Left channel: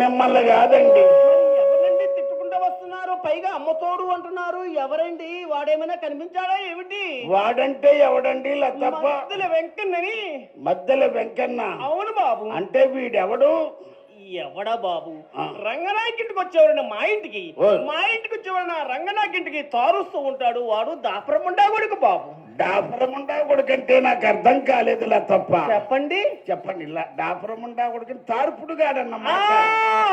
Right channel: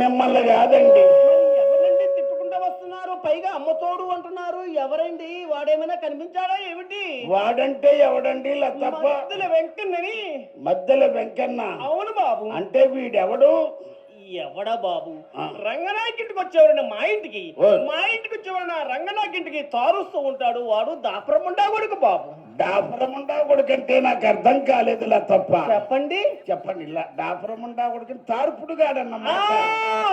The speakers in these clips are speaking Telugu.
మిమ్మల్ని కాదండి. ఎవరండి తిట్టుకుంటూ వస్తున్నారు? పైగా అమ్మతోడు అంటున్నారు. ఎవరండి? వాడేమైనా కనిపించాడా ఏమిటి? వాడంటే ఎవడండి? లతప్ప మధ్యలో వెంకన్నని. మధ్యలో వెంకన్న. అవును బాబు. అంటే వీడెవడు? ఎవడా బాబు? ఆ. రంగనాయకింటికి వచ్చేవాడు మా ఇంటికి. ఓ. మా ఇంటికి వచ్చేవాడు నా రంగనాయకింటికి తారుస్తూ ఉంటాడు. వాడు దాపరముండా కొడుకు బాబు. డాపురముండా కొడుకంటే నాకు అర్థం కాలేదు లతప్ప. చెప్పండి. చెప్పండి. ఇలా డాపురముండా కొడుకు తార్పుడు గాడన్నమాట.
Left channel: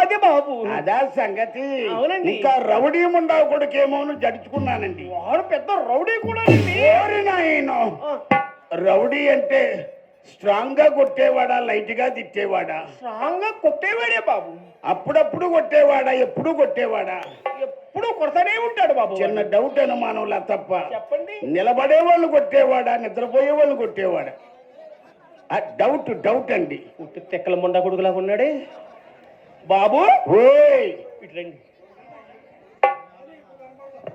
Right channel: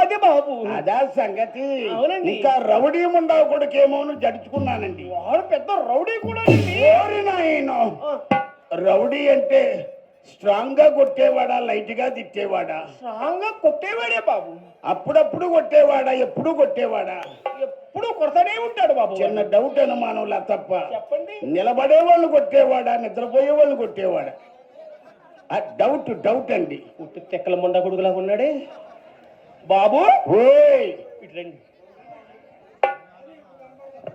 అదే బాబు. అదా సంగతి. అవునండి. ఇంకా రౌడీ ముండా కొడుకేమో జడుచుకున్నానండి. వాడు పెద్ద రౌడీ కూడా. ఓరి నాయనో. రౌడీ అంటే స్ట్రాంగ్ గా కొట్టేవాడా, లైట్ గా తిట్టేవాడా? స్ట్రాంగ్ గా కొట్టేవాడే బాబు. అప్పుడప్పుడు కొట్టేవాడా, ఎప్పుడు కొట్టేవాడా? ఎప్పుడు కొడతానే ఉంటాడు బాబు. చిన్న డౌట్ అనుమానం తప్ప. చెప్పండి. నిలబడే వాళ్ళు కొట్టేవాడా, నిద్రపోయే వాళ్ళు కొట్టేవాడా? డౌట్ అండి. తెక్కల ముండ కొడుకులా ఉన్నాడే బాబు. ఓయ్ ఇట్లండి.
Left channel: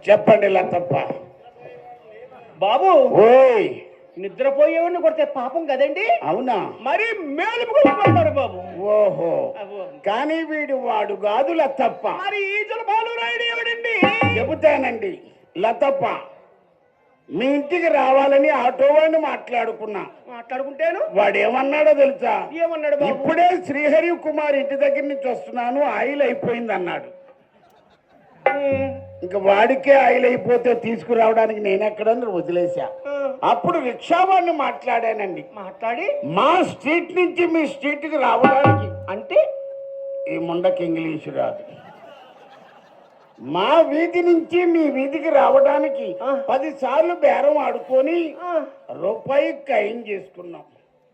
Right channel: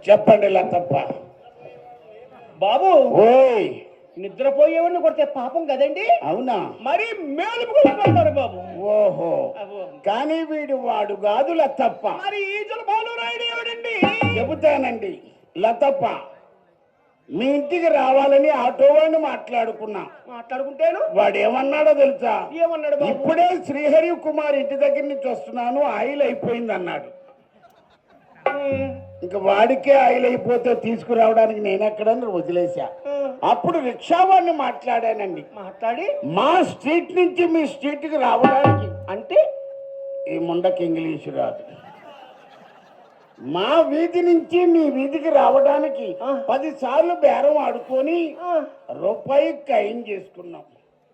చెప్పండి లతప్ప. బాబు. ఓయ్ నిద్రపోయేవాడిని కొడితే పాపం కదండి. అవునా? మరి మేలుకు కొడతాడు బాబు. ఓహో. కానీ వీడు వాడు కాదు లతప్ప. మరి ఈజల బాలు రాయుడు ఎవడండి? చెబుతానండి లతప్ప. మీ ఇంటికి రావాలని ఆటో వాడిని మాట్లాడుకుంటాను. వాడు ఏమన్నాడో తెలుసా? ఏమన్నాడు బాబు? ఇప్పుడే శ్రీహరి కుమార్ ఇంటి దగ్గర నుంచి వస్తున్నాను, ఆయిల్ అయిపోయింది అన్నాడు. ఇంకా వాడికే ఆయిల్ అయిపోతే తీసుకురావడానికి నేనెక్కడని వదిలేశా. అప్పుడు రిక్షా వాడిని మాట్లాడానండి. మాట్లాడి మా స్ట్రీట్ నుంచి మీ స్ట్రీట్ కి రావడానికి, అంటే ఈ ముండకి ఇంగ్లీషు రాదు, మా వీధి నుంచి మీ వీధికి రావడానికి 10 సార్లు బేరం ఆడుకొని రూపాయి ఖాయం చేసుకున్నాం.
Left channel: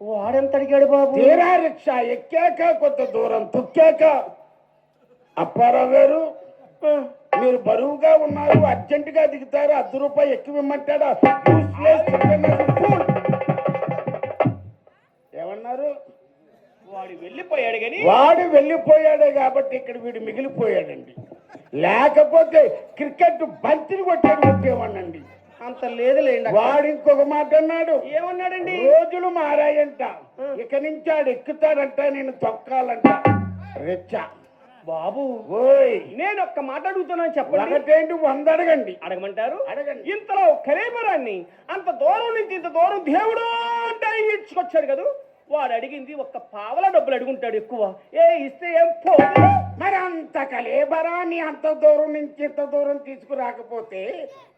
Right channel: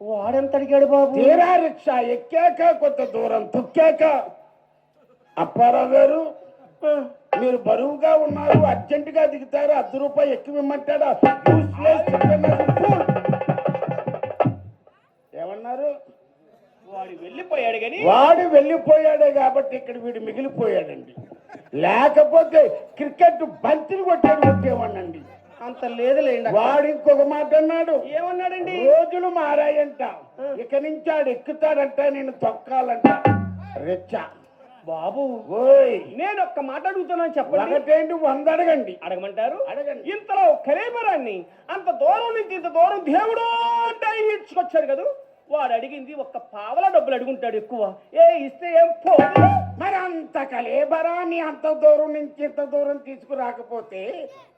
వాడెంత అడిగాడు బాబు? తీరా రిక్షా ఎక్కాక కొంత దూరం తొక్కాక, అప్పారావు గారు మీరు బరువుగా ఉన్నారు, అర్జెంటుగా దిగుతారు, 10 రూపాయలు ఎక్కువ ఇమ్మంటాడా? ఏమన్నారు? వాడు వెళ్ళిపోయాడే కాబట్టి ఇక్కడ వీడు మిగిలిపోయాడండి. లేకపోతే క్రికెట్ బంతిని కొట్టేవాడినండి. అంత లేదులేండి. వాడు ఇంకొక మాట అన్నాడు. ఏమన్నాడండి? రోజులు మారాయంట, ఇక నుంచి ఆడు ఎక్కుతాడంట, నేను తొక్కాలంట. రెచ్చా బాబు. ఓయ్ నేను ఒక్క మాట అడుగుతున్నాను, చెప్పండి. ఒకటేంటి 100 అడగండి. అడగమంటారు? అడగండి. ఇంతలో కలేబరాన్ని అంత దూరం నుంచి ఇంత దూరం దేవుడు అంటే ఈడ్చుకొచ్చాడు కదా. వాడు అడిగింది ఒక్క పావల డబ్బులు అడుగుంటాడు ఎక్కువ. ఇస్తే ఏం పోదు. మరి అంత కలేబరాన్ని అంత దూరం నుంచి ఇంత దూరం తీసుకురాకపోతే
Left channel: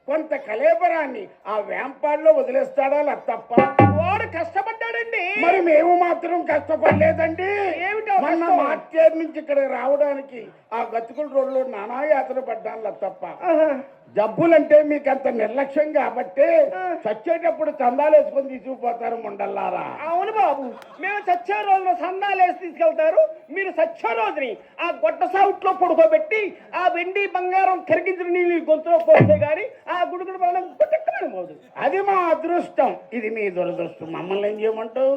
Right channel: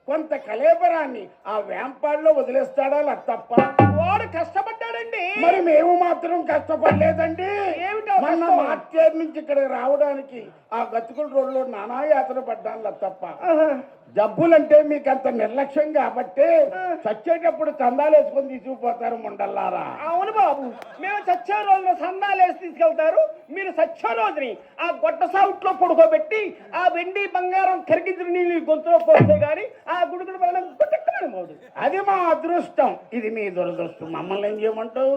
కొంత కలేబరాన్ని ఆ వేంపాడులో వదిలేస్తాడా తప్ప? వాడు కష్టపడ్డాడండి. మరి మేము మాత్రం కష్టపడలేదండి. ఏమిటో మొన్న మార్చేరు నుంచి ఇక్కడికి రావడానికి ఆ గతుకుల రోడ్లో నానా యాతన పడ్డాను తప్ప. జబ్బులంటే మీకు అంత నిర్లక్ష్యం కాబట్టి చచ్చేటప్పుడు చందాలు వేసుకొని తీసుకుపోతారు ముండల్లారా. అవును బాబు, మేము చచ్చే రోజున సందాలు వేసి తీసుకెళ్తారు. మీరు చచ్చే రోజుని ఆ గొడ్డ సావుట్లో పడుకోబెట్టి ఆ వెండి బంగారం కరిగించిన నీళ్ళు గొంతులో పోతే గాని ఆ గుడుగుడు బలం గుట్టకపోదు. అది మా అదృష్టం, ఇది మీ దురదృష్టం. మమ్మల్ని ఏం చేయమంటావు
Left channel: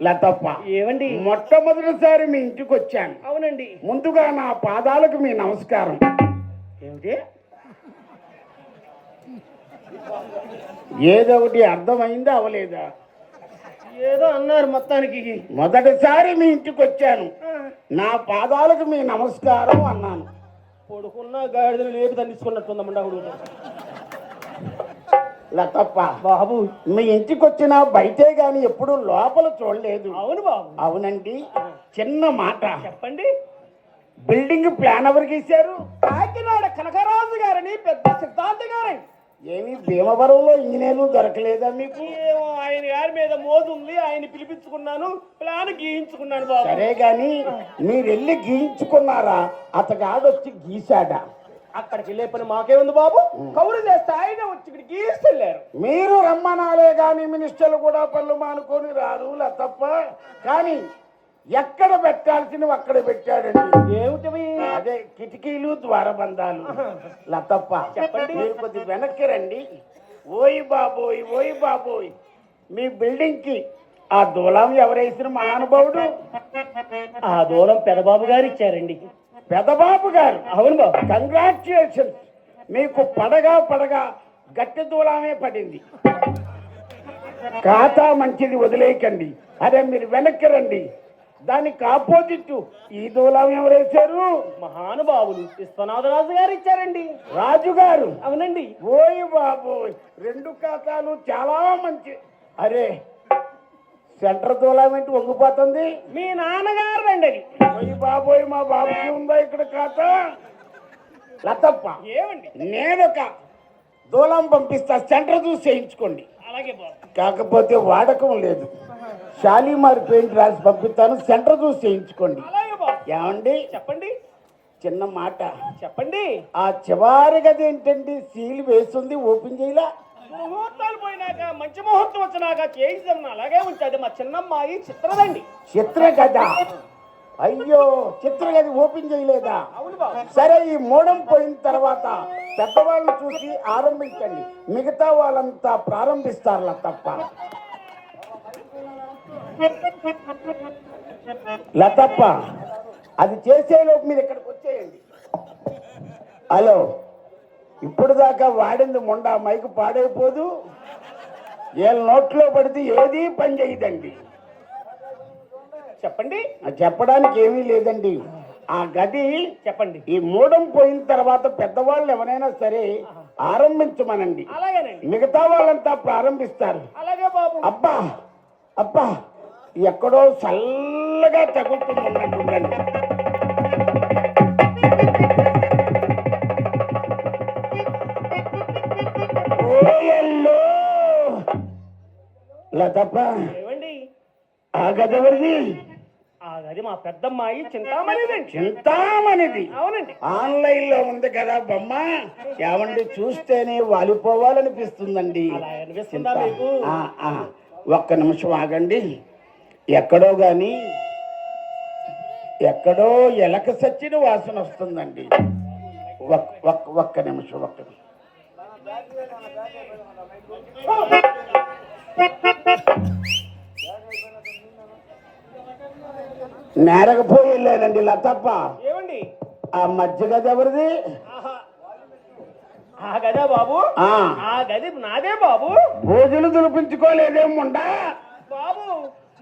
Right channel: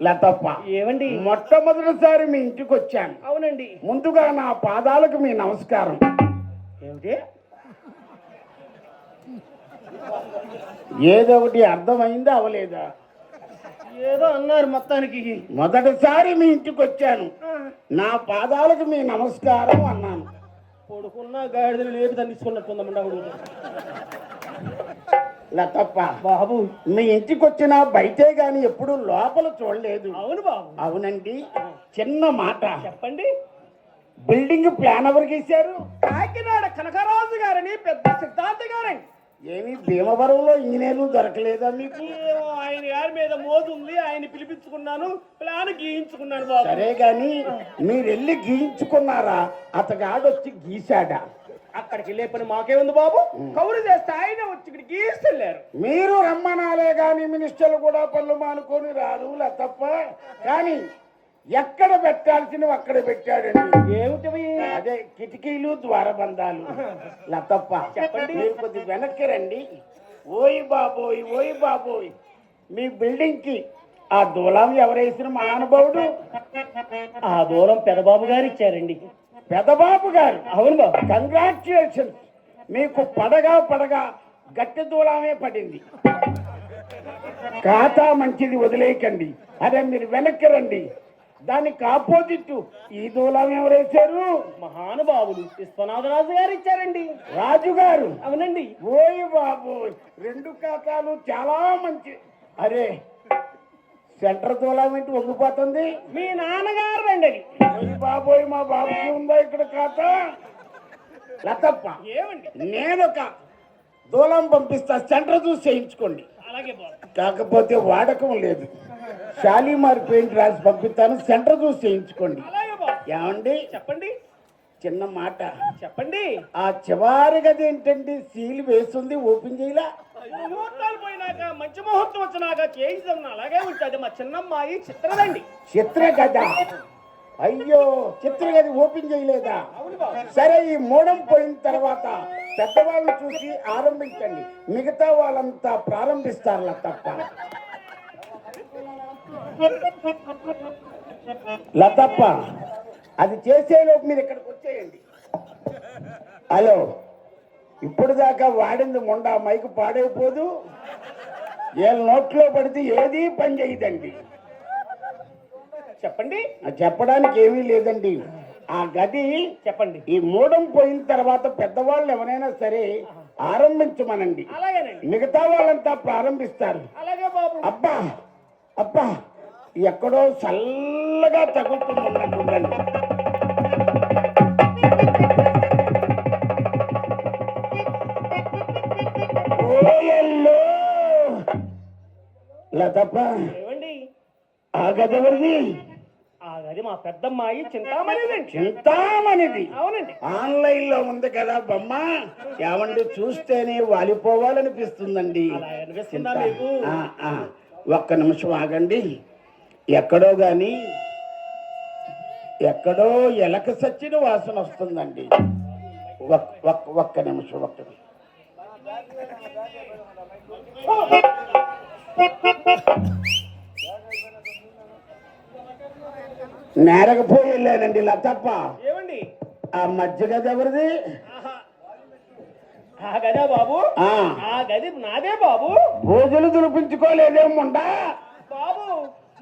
లతప్ప? ఏమండి? మొట్టమొదటిసారి మీ ఇంటికి వచ్చాను. అవునండి. ముందుగా నా పాదాలకు మీ నమస్కారం. ఏమిటి? ఏదో ఒకటి అర్థమైందా అవలేదా? ఏదో అన్నారు మొత్తానికి. మొదటిసారి మీ ఇంటికి వచ్చాను, నా పాదాలకు మీ నమస్కారం అన్నాను. కొడుకున్న గాడిదలు లేపి తండించుకున్నట్టుందమ్మండా కొడుకు. లతప్ప బాబు, మీ ఇంటికి వచ్చిన బయటే గాని ఎప్పుడు లోపల చూడలేదు. అవును బాబు. అవునండి. చిన్న మాట చెప్పండి. బిల్డింగ్ ప్లాన్ ఎవరు గీశారు? కాకినాడ కనకరాజు గారని పెద్ద సిద్ధాంత గారని. ఏమి భీమవరంలో ఇంజనీర్లు దొరకలేదా మీకు? ఆయన గారి మీద మోజు ఉంది, ఆయన పిలిపించుకున్నాను, ప్లాన్ గీయించుకున్నాను బాబు. సరే గాని మీరు వెళ్ళి గీయించుకున్నారా, అతగాడొచ్చి గీశాడా? అక్కడికి వెళ్ళే పని మాకేముంది బాబు, కౌరు చేస్తే ఆయన వచ్చి ఇక్కడ గీస్తలేరు. మీరు రమ్మనాలే గాని మినిస్టర్లు కూడా పనులు మానుకొని రారు తప్ప. కానీ ఎక్కడ పెట్టాల్సినవి అక్కడ పెట్టాడండి. ఏమిటవి? అదే కిటికీలు ద్వారబంధాలు. లతప్ప చెప్పండి. మీరు కొద్ది వెనక్కి రండి. ఓయ్ బాబోయ్, మీ బిల్డింగ్ కి ఆ దూలం ఎవరేసిన మహానుభావుడు? ఆ దూరం పెదబాబు గారు ఇచ్చారండి. పెదబాబు గారు? అవును బాబు. కంగ్రాచులేషన్స్. మీకు పడగా గట్టి దూలమే పడింది. ఖాతా మంచిది, వదిలేయకండి. అదే మీరు వెనక్కి రండి. దానికి ఆపోజిట్ ఈ దూలం ఎవరేశారు? మహానుభావులు విశ్వనాథరాజు గారు ఇచ్చారండి. రాజుగారు. అవునండి. ఓయ్ బాబు, రెండు ఖాతాలు చాలా మంచి. అరే, సెంటర్ దూలం ఏంటి వంగిపోతుంది? మీ నాన్నగారు రండి అది. ఓయ్ బాబోయ్, మా బాబుకి ఉందా ఇక్కడ ఖాతా? లతప్ప, ఏమండి? నేనొక దూలం పంపిస్తా, సెంటర్ చూసి చేయించుకోండి. అలాగే బాబు. కాకపోతే వాడకం లేదు. షాలీమార్ పెయింట్ రాసి పంపిస్తాను, సెంటర్ చూసి చేయించుకోండి. అలాగే బాబు. ఏమండి? చెప్పండి. చిన్న మాట. చెప్పండి. ఆ చివరి గది ఏంటండి, సీల్ వేస్తుంది, ఓపెన్ చేయలా? ముహూర్తాలు పోయినాక మంచి ముహూర్తం వచ్చినాక చేయించడం అలాగే ఉంటుంది. మా చిన్నమ్మాయి చిత్రదండి. చిత్ర గద? అయ్యో, చిత్ర గది ఓపెన్ చేయలేదా? అవును బాబు. సరే, ఈ మూడం పోయిన తర్వాత పెద్దవాళ్ళని చూసి ఆరంభించండి, మిగతా వాళ్ళంతా ప్రారంభిస్తారులా తప్ప. లతప్ప, అది చేసేలోపు మీరు ఇక్కడికి వచ్చేయండి. హలో, ఇప్పుడు దాకా వాడింది మొండా మైకు పాడైపోదు. వీళ్ళ నోట్లో పడితే ఏదీ పని చేయదండి. చెప్పండి. చెప్పడానికి ఏమీ లేదండి. ఆ గది చెప్పండి. ఈ మూడం పోయిన తర్వాత పెద్దవాళ్ళు ఎవరైనా సరే ఆరంభించమనండి, అలాగేనండి. మిగతా వాళ్ళంతా ప్రారంభిస్తారు. అలాగే బాబు. అబ్బా అబ్బా, ఎక్కడో చల్లగా తగులుతుందండి. లతప్ప, ఏమండి? ఆ గది ఎవరిది? ఆ గది మా పెద్దమ్మాయి చింతామణిదండి. చింతామణిది? అవునండి. ఆన్లైన్ లో ఉంది కదా బొమ్మ, ఏమండి చూస్తేనే వాలిపోవాలనిపిస్తుందండి. అలా అనిపిస్తుందా మీకు? ఒక్క నిమిషం ఆగండి. ఎక్కడో గాని ఎక్కడో ఎలక సచ్చిన వాసన వస్తుందండి. ఒక్క నిమిషం. నేరకపోయి వెళ్ళానండి లతప్ప. ఏమండి? ఆ మధ్య గది ఎవరిది? ఆ గదా బాబు? ఆ గది నాదే బాబు. భోజులు దులిపించుకోలేదేముండా బాబు?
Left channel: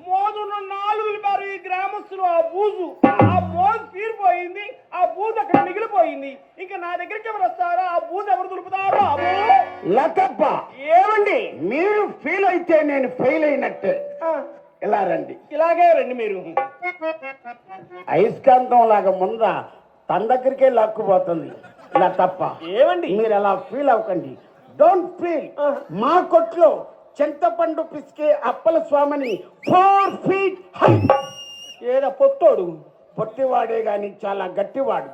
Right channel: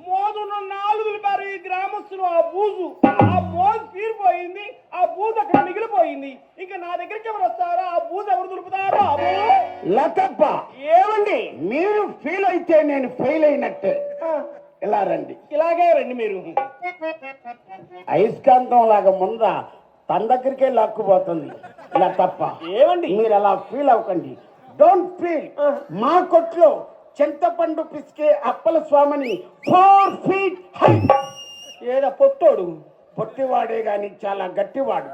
మోదున్న 4 రూపాయలు ఈ గ్రామస్తులు. ఆ బూజు, ఆ మోజు తీరిపోయింది, ఆ బూజు అక్కడ మిగిలిపోయింది. ఇంకా నా దగ్గరికి ఎవరు వస్తారో, ఆ బూజు ఎవరు దులుపుతారో బాబు? లతప్ప, ఏమండి? మీరు ఫీల్ అయితే నేను ఫెయిల్ అయినట్టే. ఇలా రండి. ఇలాగే రండి మీరు. అయస్కాంతం లాగా ముందా తన దగ్గరికే లాక్కుపోతుంది. ఇలా తప్ప. ఏమండి? మీరు అలా ఫీల్ అవ్వకండి. Don't feel. మా కొట్లో చింతపండు పిసికే అప్పల స్వామిని 4 feet హై. ఏదో పొట్టోడు? పొట్టివాడే గాని చాలా గట్టివాడు.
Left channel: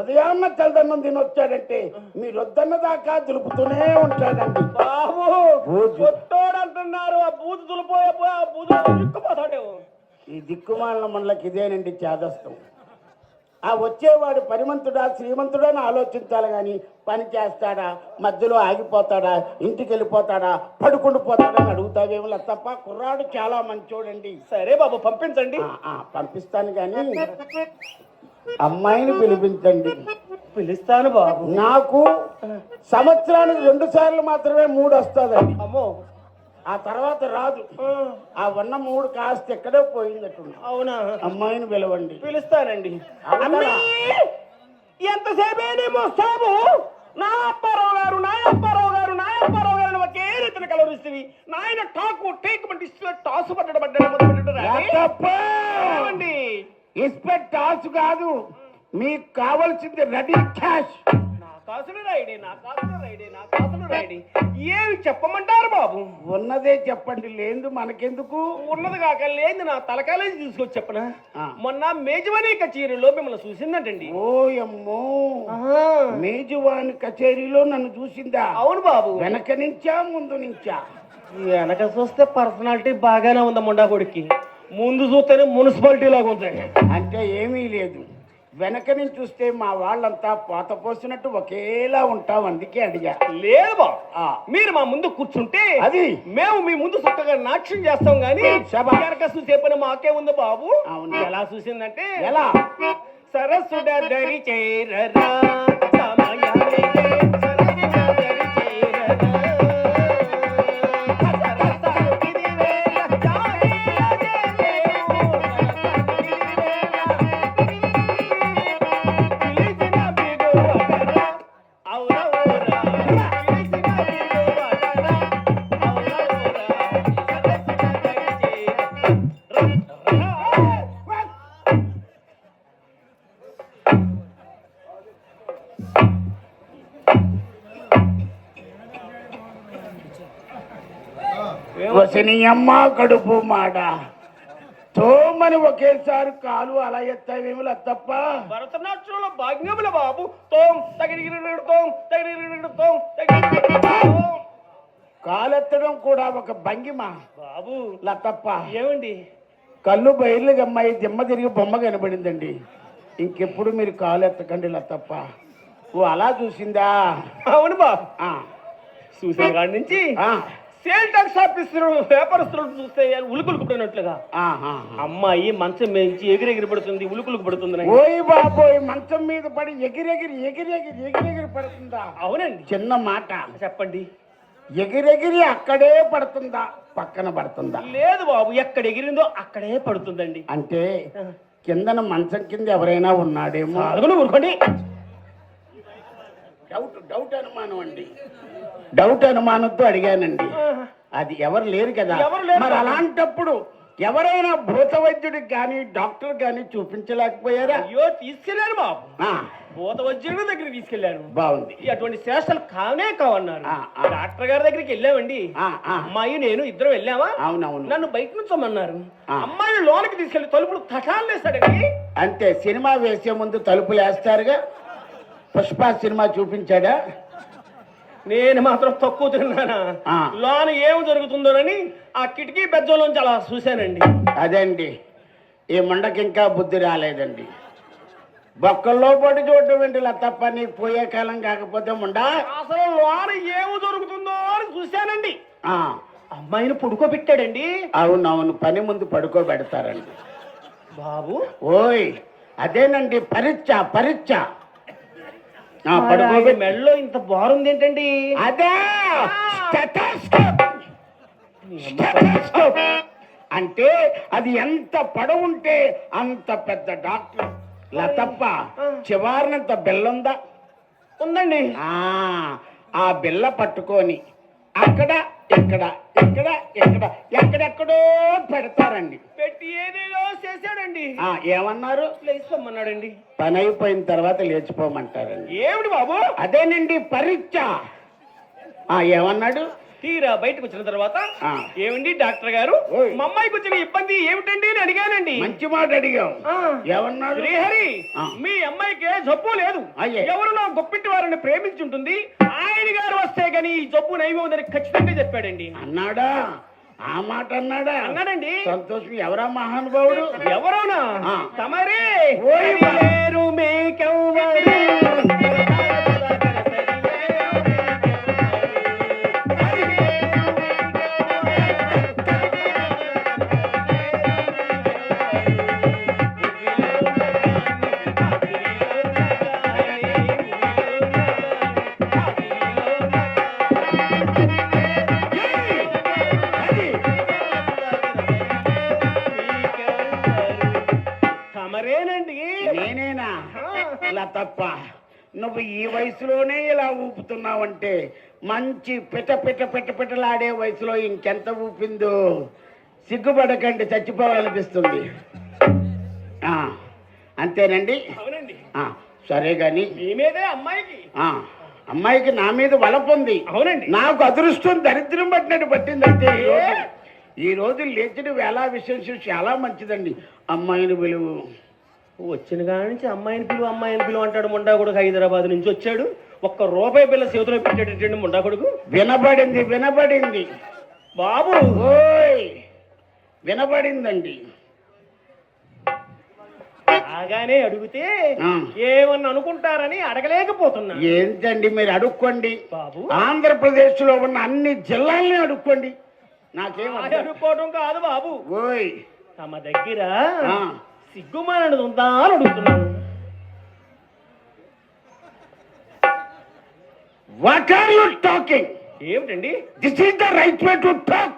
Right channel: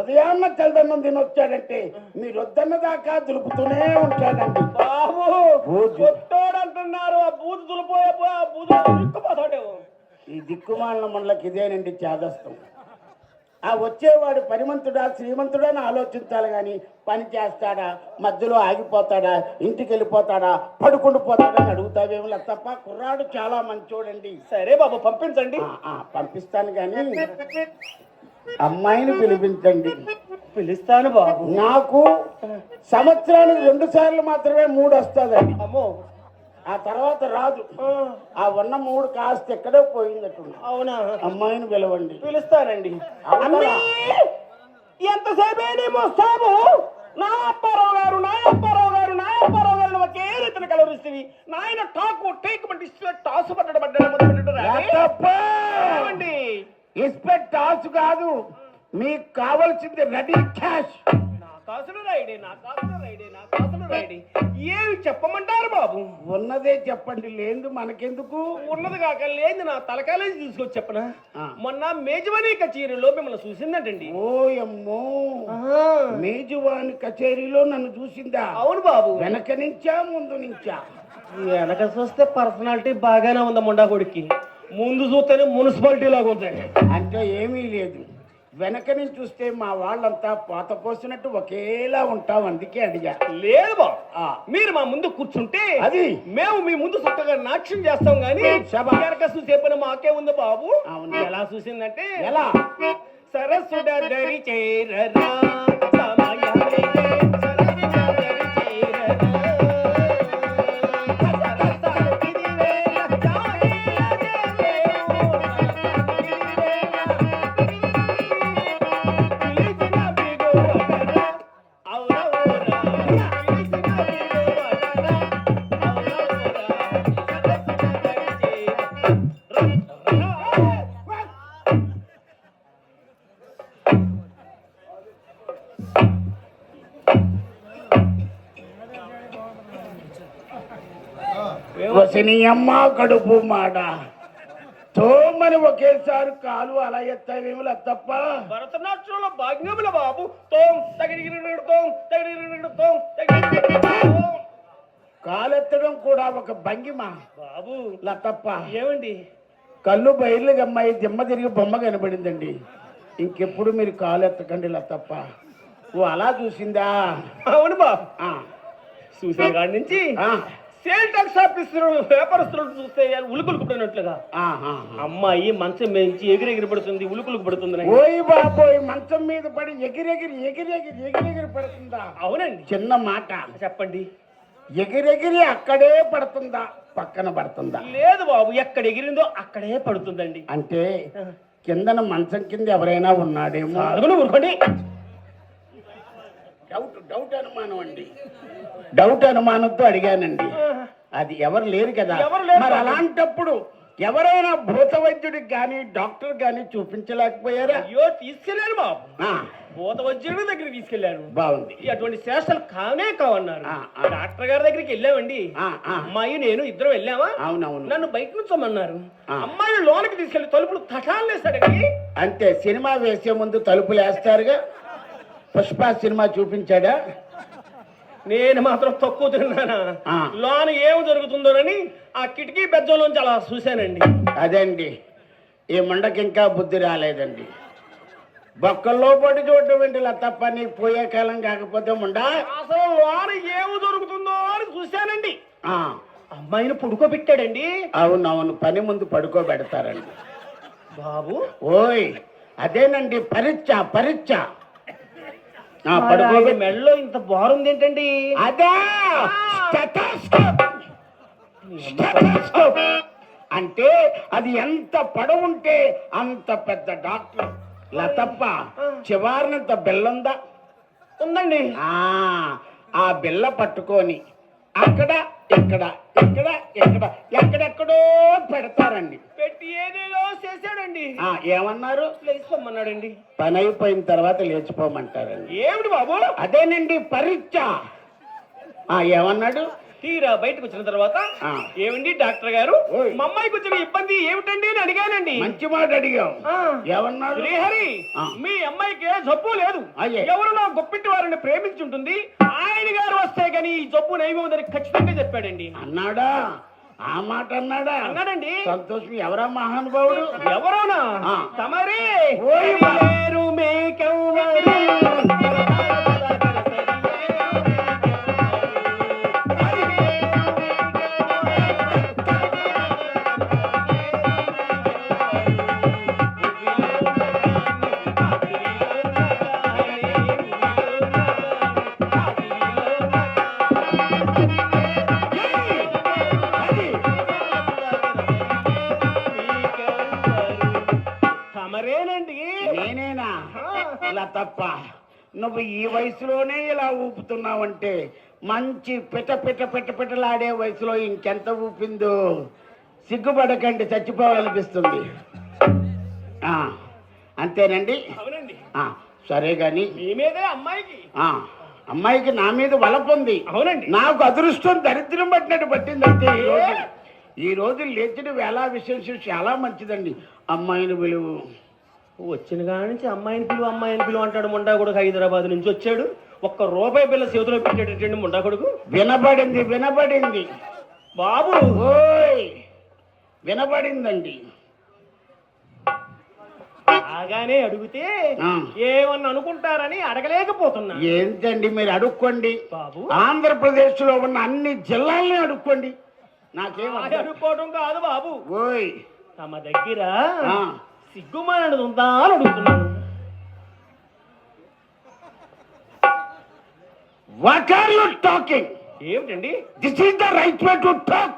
ఉదయాన్న తెల్లదన్నం తినొచ్చాడంటే మీరు వద్దన్న దాకా దులుపుతూనే ఉంటాడండి. బాబు, పొట్టోడు అంటున్నారు. ఆ బూజు దులిపోయే ఆ బూజు దిక్కుపోతాడు. ఈ దిక్కుమాలిన మనలకి ఇదేనండి చేదస్తం. ఆ వచ్చేవాడు పరిమంతుడా శ్రీమంతుడా అని ఆలోచించాలి గాని పని చేస్తాడా, మధ్యలో ఆగిపోతాడా, ఇంటికి వెళ్ళిపోతాడా, పడుకుండి పోతాడా అని అడుగుతావేమో తప్ప కుర్రాడు చాలా మంచోడండి. సరే బాబు, పంపించండి. పంపిస్తాను గాని అమ్మాయిని పిలిపించండి. పిలుస్తాను బాబు. నాకు సంవత్సరానికి 2 సార్లు మాత్రమే 3 వస్తుందండి. అమ్మో, ఆ తర్వాత రాదు. ఆ ఉన్న 3 కాస్త ఎక్కడో పోయిందట్టు. అవునా? అమ్మాయిని పిలవండి. పిలుస్తానండి. ఎంతసేపే మోస్తాము. నా అప్పారావు గారు ఒకే రీతిని కలవరిస్తుంది. నాయన టాకు టేక్ టాసు పడ్డాడు. ఇన్స్పెక్ట్ టాస్ కాదు, మీకు కావాల్సింది రెడీ క్యాష్. నా కాసులు రైడే. ఏమి చెప్పమంటారు బాబు? ఉన్నదే చెప్పండి, లేదు మనకెందుకు. ఉన్నది కాక లేదు నా తలకాలేజీ తీసుకొచ్చి చెప్పనా? మొన్న మేజవానీ కచేరీలో మిమ్మల్ని చూసిందంటండి. ఓయమ్మో, మేజవాని కచేరీలో నన్ను చూసిందా? అవును బాబు. వెనక నుంచా ముందు నుంచా? వెనక చూస్తే పర్సనాలిటీ బాగానే ఉంది మొండా కొడుక్కి. ముందు చూస్తేనే మున్సిపాలిటీ లాగా ఉంటుంది. అంటే ఏమీ లేదు, వెనక నుంచి చూస్తే మా వాళ్ళంతా పోత పోసినట్టు ఒకేలా ఉంటాం, అందుకే అడిగా. లేదు బాబు, మీరు మా ముందు కూర్చుంటే అది మేము మీ ముందు చక్కగా నాట్యం చేస్తాం గానీ చూసేపని మాకే ఉంది బాబు. ఎలా చూసిందంటే, ఎలా సరస్సుడ దరి చేరరా వసనియమ్మ కడుపు మాట తోమని ఒకేసారి కాలు అలా ఎత్తావేమి లత్తప్ప. భరతనాట్యంలో భాగ్యముల బాబు తోం తగిడి తోం తగిడి కాలెత్తడం కూడా ఒక భంగిమ బాబు. లత్తప్ప. ఏమండి కళ్ళు బయర్లు గమ్మాయి దిమ్మ తిరిగి బొమ్మ కనబడిందండి. ఇంకెప్పుడు మీరు కాలు ఎత్తకండి లత్తప్ప. ఓ అలా చూసిందా? అవును బాబు. ఆ, చూసిన కాడి నుంచి ఆ, సేల్ టాక్స్ ఆఫీసర్ వ్యాపారస్తులు చూస్తే ఉలుకులు పడినట్లుగా ఆ, ఆ. అమ్మాయి మంచం మేంచి ఎగిరెగిరి పడుతుంది, ఉలుకులకు పడుతుంది. ఓయ్ బాబోయ్, మంచం మీద పడి ఎగిరెగిరి పడుతుందా? అవునండి. చిన్న మాట చెప్పండి. ఎగిరెగిరి అక్కడే పడుతుందా, పక్కన పడుతుందా? లేదు బాబు, ఎక్కడ ఎగిరిందో అక్కడే పడుతుందండి. అంటే కిందన మంచం కింద ఎవరైనా ఉన్నాడేమో. అడుగులు ఊరుకోండి. డౌట్ అనుమానం అండి. డౌట్ అనుమానంతో అడిగానండి. అది ఎవరు లేరు కదా. ఎవరు లేరు. మరి అలాంటప్పుడు ఎవరైనా భూత వైద్యుడికి కానీ డాక్టర్ కానీ చూపించలేకపోయారా? అయ్యో తీసుకెళ్ళాను బాబు. ఆ, భూత వైద్యుడి దగ్గరికి తీసుకెళ్లాను. బాగుంది. అటువంటి శాస్త్రాలు కానే కావన్నారు. డాక్టర్ గారి దగ్గరికి వెళ్ళామండి. అమ్మాయి నేను ఇద్దరు వెళ్ళామా. అవునవును. నన్ను బయట నుంచోమన్నారు. అమ్మాయిని లోనికి తీసుకెళ్లి తలుపులు తటాలు వేస్తాడండి. అంతే, సినిమా వేసే ముందు తలుపులు వేస్తారుగా. పుష్ప సినిమా చూపించాడా? నేను మాత్రం తక్కువ తిన్నానా. లోన ఏం జరుగుతుందోనని ఆ కిటికీ బెజ్జంలోంచి అలా చూశానండి. అదండి, ఈ ముండకి ఇంకా బుద్ధి రాలేదండి. బొక్కల్లో పడి చూడటం ఏంటి తప్ప, నీకు పోయే కాలం కాకపోతే ముండా. అసలు లోన ఏం జరుగుతుందో అని చూశానండి. అమ్మాయిని పడుకోబెట్టాడండి. అవునవును, పని ముందు పడుకోబెడతారండి బాబు. ఓయ్ అదేనండి, పరీక్ష. మెడలో ఇంత బారుంది ఏంటండి? అదే స్టెథోస్కోప్. అంటే అది ఎంత పొడవుంటే అంత పెద్ద డాక్టర్ లతప్ప. చివారినంత బెల్లుందా? ఉందండి. ఆ బిల్ల పట్టుకొని అక్కడ ఎక్కడెక్కడో పెడతారండి. పెట్టి ఏదేదో చేశాడండి. ఏమన్నారు? లేచిపోమన్నాడండి. పని అయిపోయిన తర్వాత లేచిపోమంటారండి. ఏమిటి బాబు? అదేనండి పరీక్ష. ఏమన్నాడు? తీరా బయటకు వచ్చిన తర్వాత ఏమండి డాక్టర్ గారు, మా అమ్మాయికి వచ్చిన ఇబ్బంది ఏమిటండి అని అడిగానండి. మంచి మాట అడిగాం. ఏమన్నాడు? శ్రీహరి, మీ అమ్మాయికి జబ్బు లేదు. ఎవరినో గొప్పిటి వారిని ప్రేమించుంటుంది. ఆయన గారు వస్తే గాని ఈ జబ్బు నయమవుదని ఖచ్చితంగా చెప్పాడండి. అన్నాడా? ఆ మాట అన్నాడా? అన్నాడండి. సంతోషం. ఎవరా మహానుభావుడు? ఎవరోనా? తమరే. నేనేనా? ఇలా తప్ప నువ్వు ఈ వయసులోనే ఇలా ఊపుతున్నావంటే మంచి పిట్టలాడే వయసులో ఇంకెంత ఊపిందో. సిగ్గుపడకండి, చచ్చిపోవాలనిపిస్తుంది. అంతేనండి. సరే గాని అమ్మాయికి నా మీద వలపుంది. అవునండి. నాకు అదృష్టం దరిద్రం పట్టినట్టు పట్టిందంటే ఈ రోజు లేచిన వేళ విషయం చాలా మంచిదండి. అమ్మాయిని విలువ వచ్చిన కాడి నుంచి అమ్మాయిని పిలువ అంటాడు. ముండా కొడుకు హైదరాబాద్ నుంచి వచ్చాడు. ₹1 బిల్ల చేతిలో పెట్టేటండి ముండా కొడుకు. వినబడింది బాబు. ఓయ్ వినబడిందండి. బాగానే అడిగితే ఏమన్నా అనుకుంటారని అడగలేకపోతున్నా. ఏంటండి మీరు అడుక్కోండి బాబు. ఆంధ్రప్రదేశ్ లో ఉన్న అన్ని జిల్లాల్ని అడుక్కోండి. నాకేం అడుక్కోవడం కాదు బాబు. ఓయ్ తమ దగ్గర సిగ్గుమానది ఉందా అని అడుగుతున్నాను. What are you talking? ఏమిటండి? This is the right way to talk.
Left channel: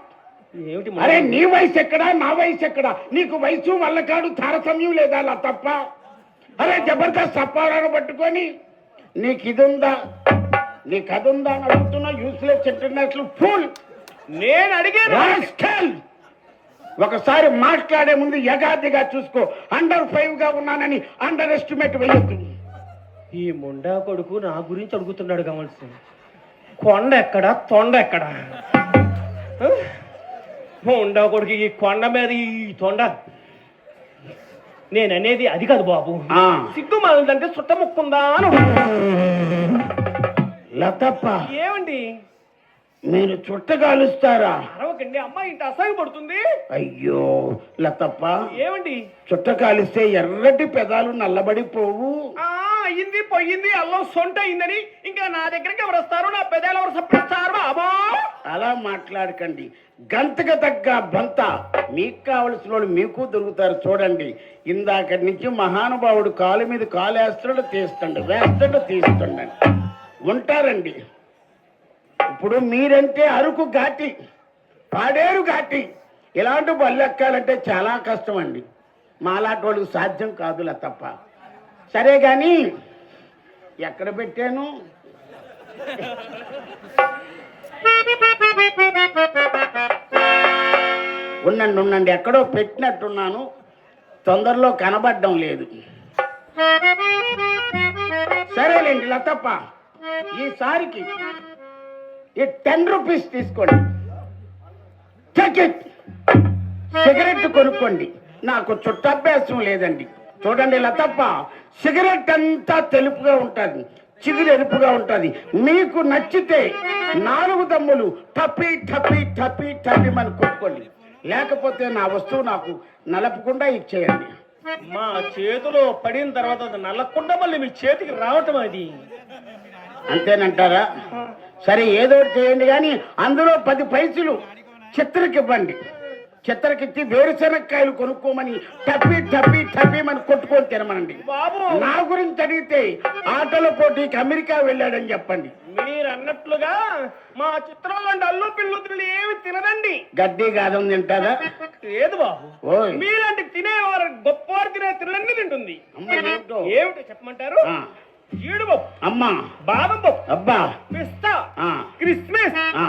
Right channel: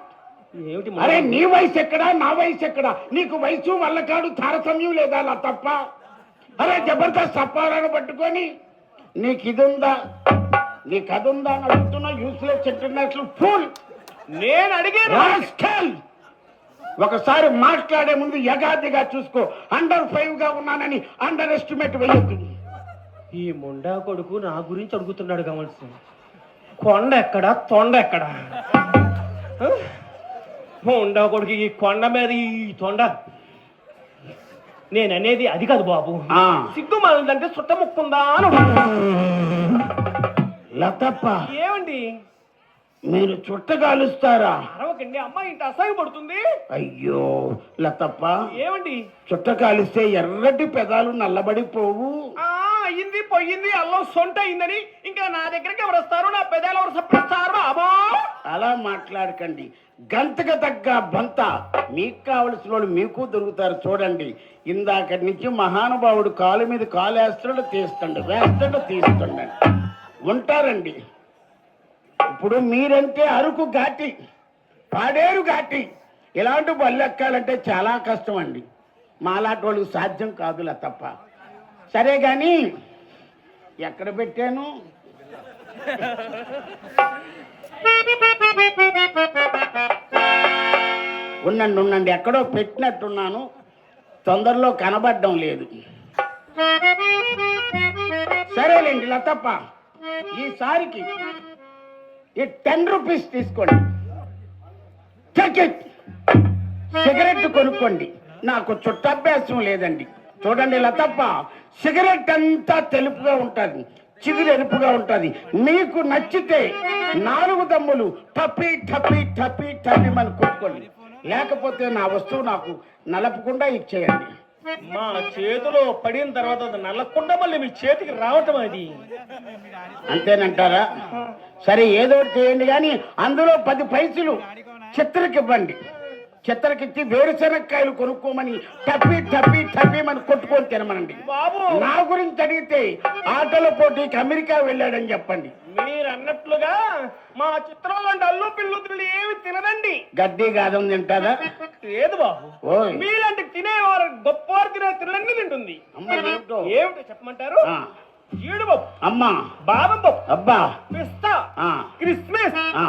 ఏమిటి? అరే నీ వయసు ఎక్కడా, నా వయసు ఎక్కడా? నీకు వయసు వల్లకాడు తారతమ్యం లేదా అలా తప్ప? అరే జబర్దస్త్ అప్పారాన్ని పట్టుకొని నీకు ఇది ఉందా, నీకు అది ఉందా అని అడుగుతున్నా. Useless international fool. నేను అడిగాను. ఒకసారి మాట్లాడే ముందు యగాదిగా చూసుకో. under-5 గా ఉన్నానని అండర్ ఎస్టిమేట్ వేయొద్దు. ఈ ముండా కొడుకు నా గురించి అడుగుతున్నాడు కావాల్సింది. కొండ ఎక్కడా, తొండ ఎక్కడా? ఉండ కొడుకు ఈ కొండ మీద ఈ తొండ నేననేది అది కాదు బాబు. ఆ, సిగ్గు మాలంటే సుట్ట ముక్కుందా అని. లతప్ప ఏమండి మీరు చుట్ట కాలుస్తారా? అరవకండి, అమ్మాయి ఇంత అసహ్యపడుతుంది. అయ్యో లతప్ప, ఏమండి చుట్ట కాలిస్తే ఎర్రటి పెదాలు నల్లబడిపోవు. అయ్యింది పోయింది, అల్లం సొంట అయిందని ఇంకా నా దగ్గరికి ఎవరు వస్తారు? నా పెదాలు ఎవరు సప్పిస్తారు బాబా? అలా మాట్లాడకండి. గంతకు తగ్గ బంత మీకు కావలసిన వాళ్ళు మీకు దొరుకుతారు. చూడండి, ఇందాకటి నుంచి మహానుభావుడు కాలు మీద కాలు వేస్తాడు, తీస్తాడు, వేస్తాడు, తీస్తుండండి ఉంటారండి. ఇప్పుడు మీరంటే అరకు ఘాటి, పాడేరు ఘాటి, ఇలాంటి బళ్ళు ఎక్కాలంటే చాలా కష్టం అండి. మాలాంటి వాళ్ళకి సాధ్యం కాదులా తప్ప. సరే కానీ ఎక్కడ పెట్టాను? ఉండండి, ఎక్కడో పెట్టినట్టున్నాను, తొందరలో కనబడడం లేదు. సరేలేండి లతప్ప, ఈసారికి ఈ 10 రూపీస్ తీసుకోండి. సిగరెట్ కొనుక్కోండి. నాకు చుట్టాభ్యాసం లేదండి. చూడండి లతప్ప, సిగరెట్ అంతా తెలుపుగా ఉంటుంది, చిగురు ఎరుపుగా ఉంటుంది. మీకు నచ్చితే 4 దమ్ములు టపి టపి టపి టపి అని కొట్టుకోండి, లేకపోతే నా వస్తువు నాకు నలపకుండా ఇచ్చేయండి. మా చేతిలో పడిన తర్వాత అది నల్లకుండా మళ్ళీ మీ చేతికి రావటం అది అంతేనంటారా? సరే ఏదో ఒకటి చేయండి, కానీ అందులో 10 పైసలు చిత్రకి ఇవ్వండి. చిత్రకిచ్చి వేరుశనక్కాయలు కొనుక్కోమని టపి టపి టపి అని కొట్టుకొని తినమనండి. బాబు నా గురించి అడిగితే ఆటల పోటీకి అమెరికా వెళ్ళాడని చెప్పండి. మీరు అన్నట్లుగా మా చిత్రంలో అల్లు పిల్లుతులు ఏమి తినదండి. గడ్డి గాదం తింటారా? లేదు బాబు, ఓయ్, మీలాంటి తినేవారు గొప్పవారు తినే తినలన్నీ తింటుంది. అమ్మ ఏంటో? ఏమిటో చెప్పమంటారు? జీడిపప్పు, అమ్మా, బాదం పప్పు, అబ్బా, పిస్తా, ఆ, క్రిస్మస్, ఆ.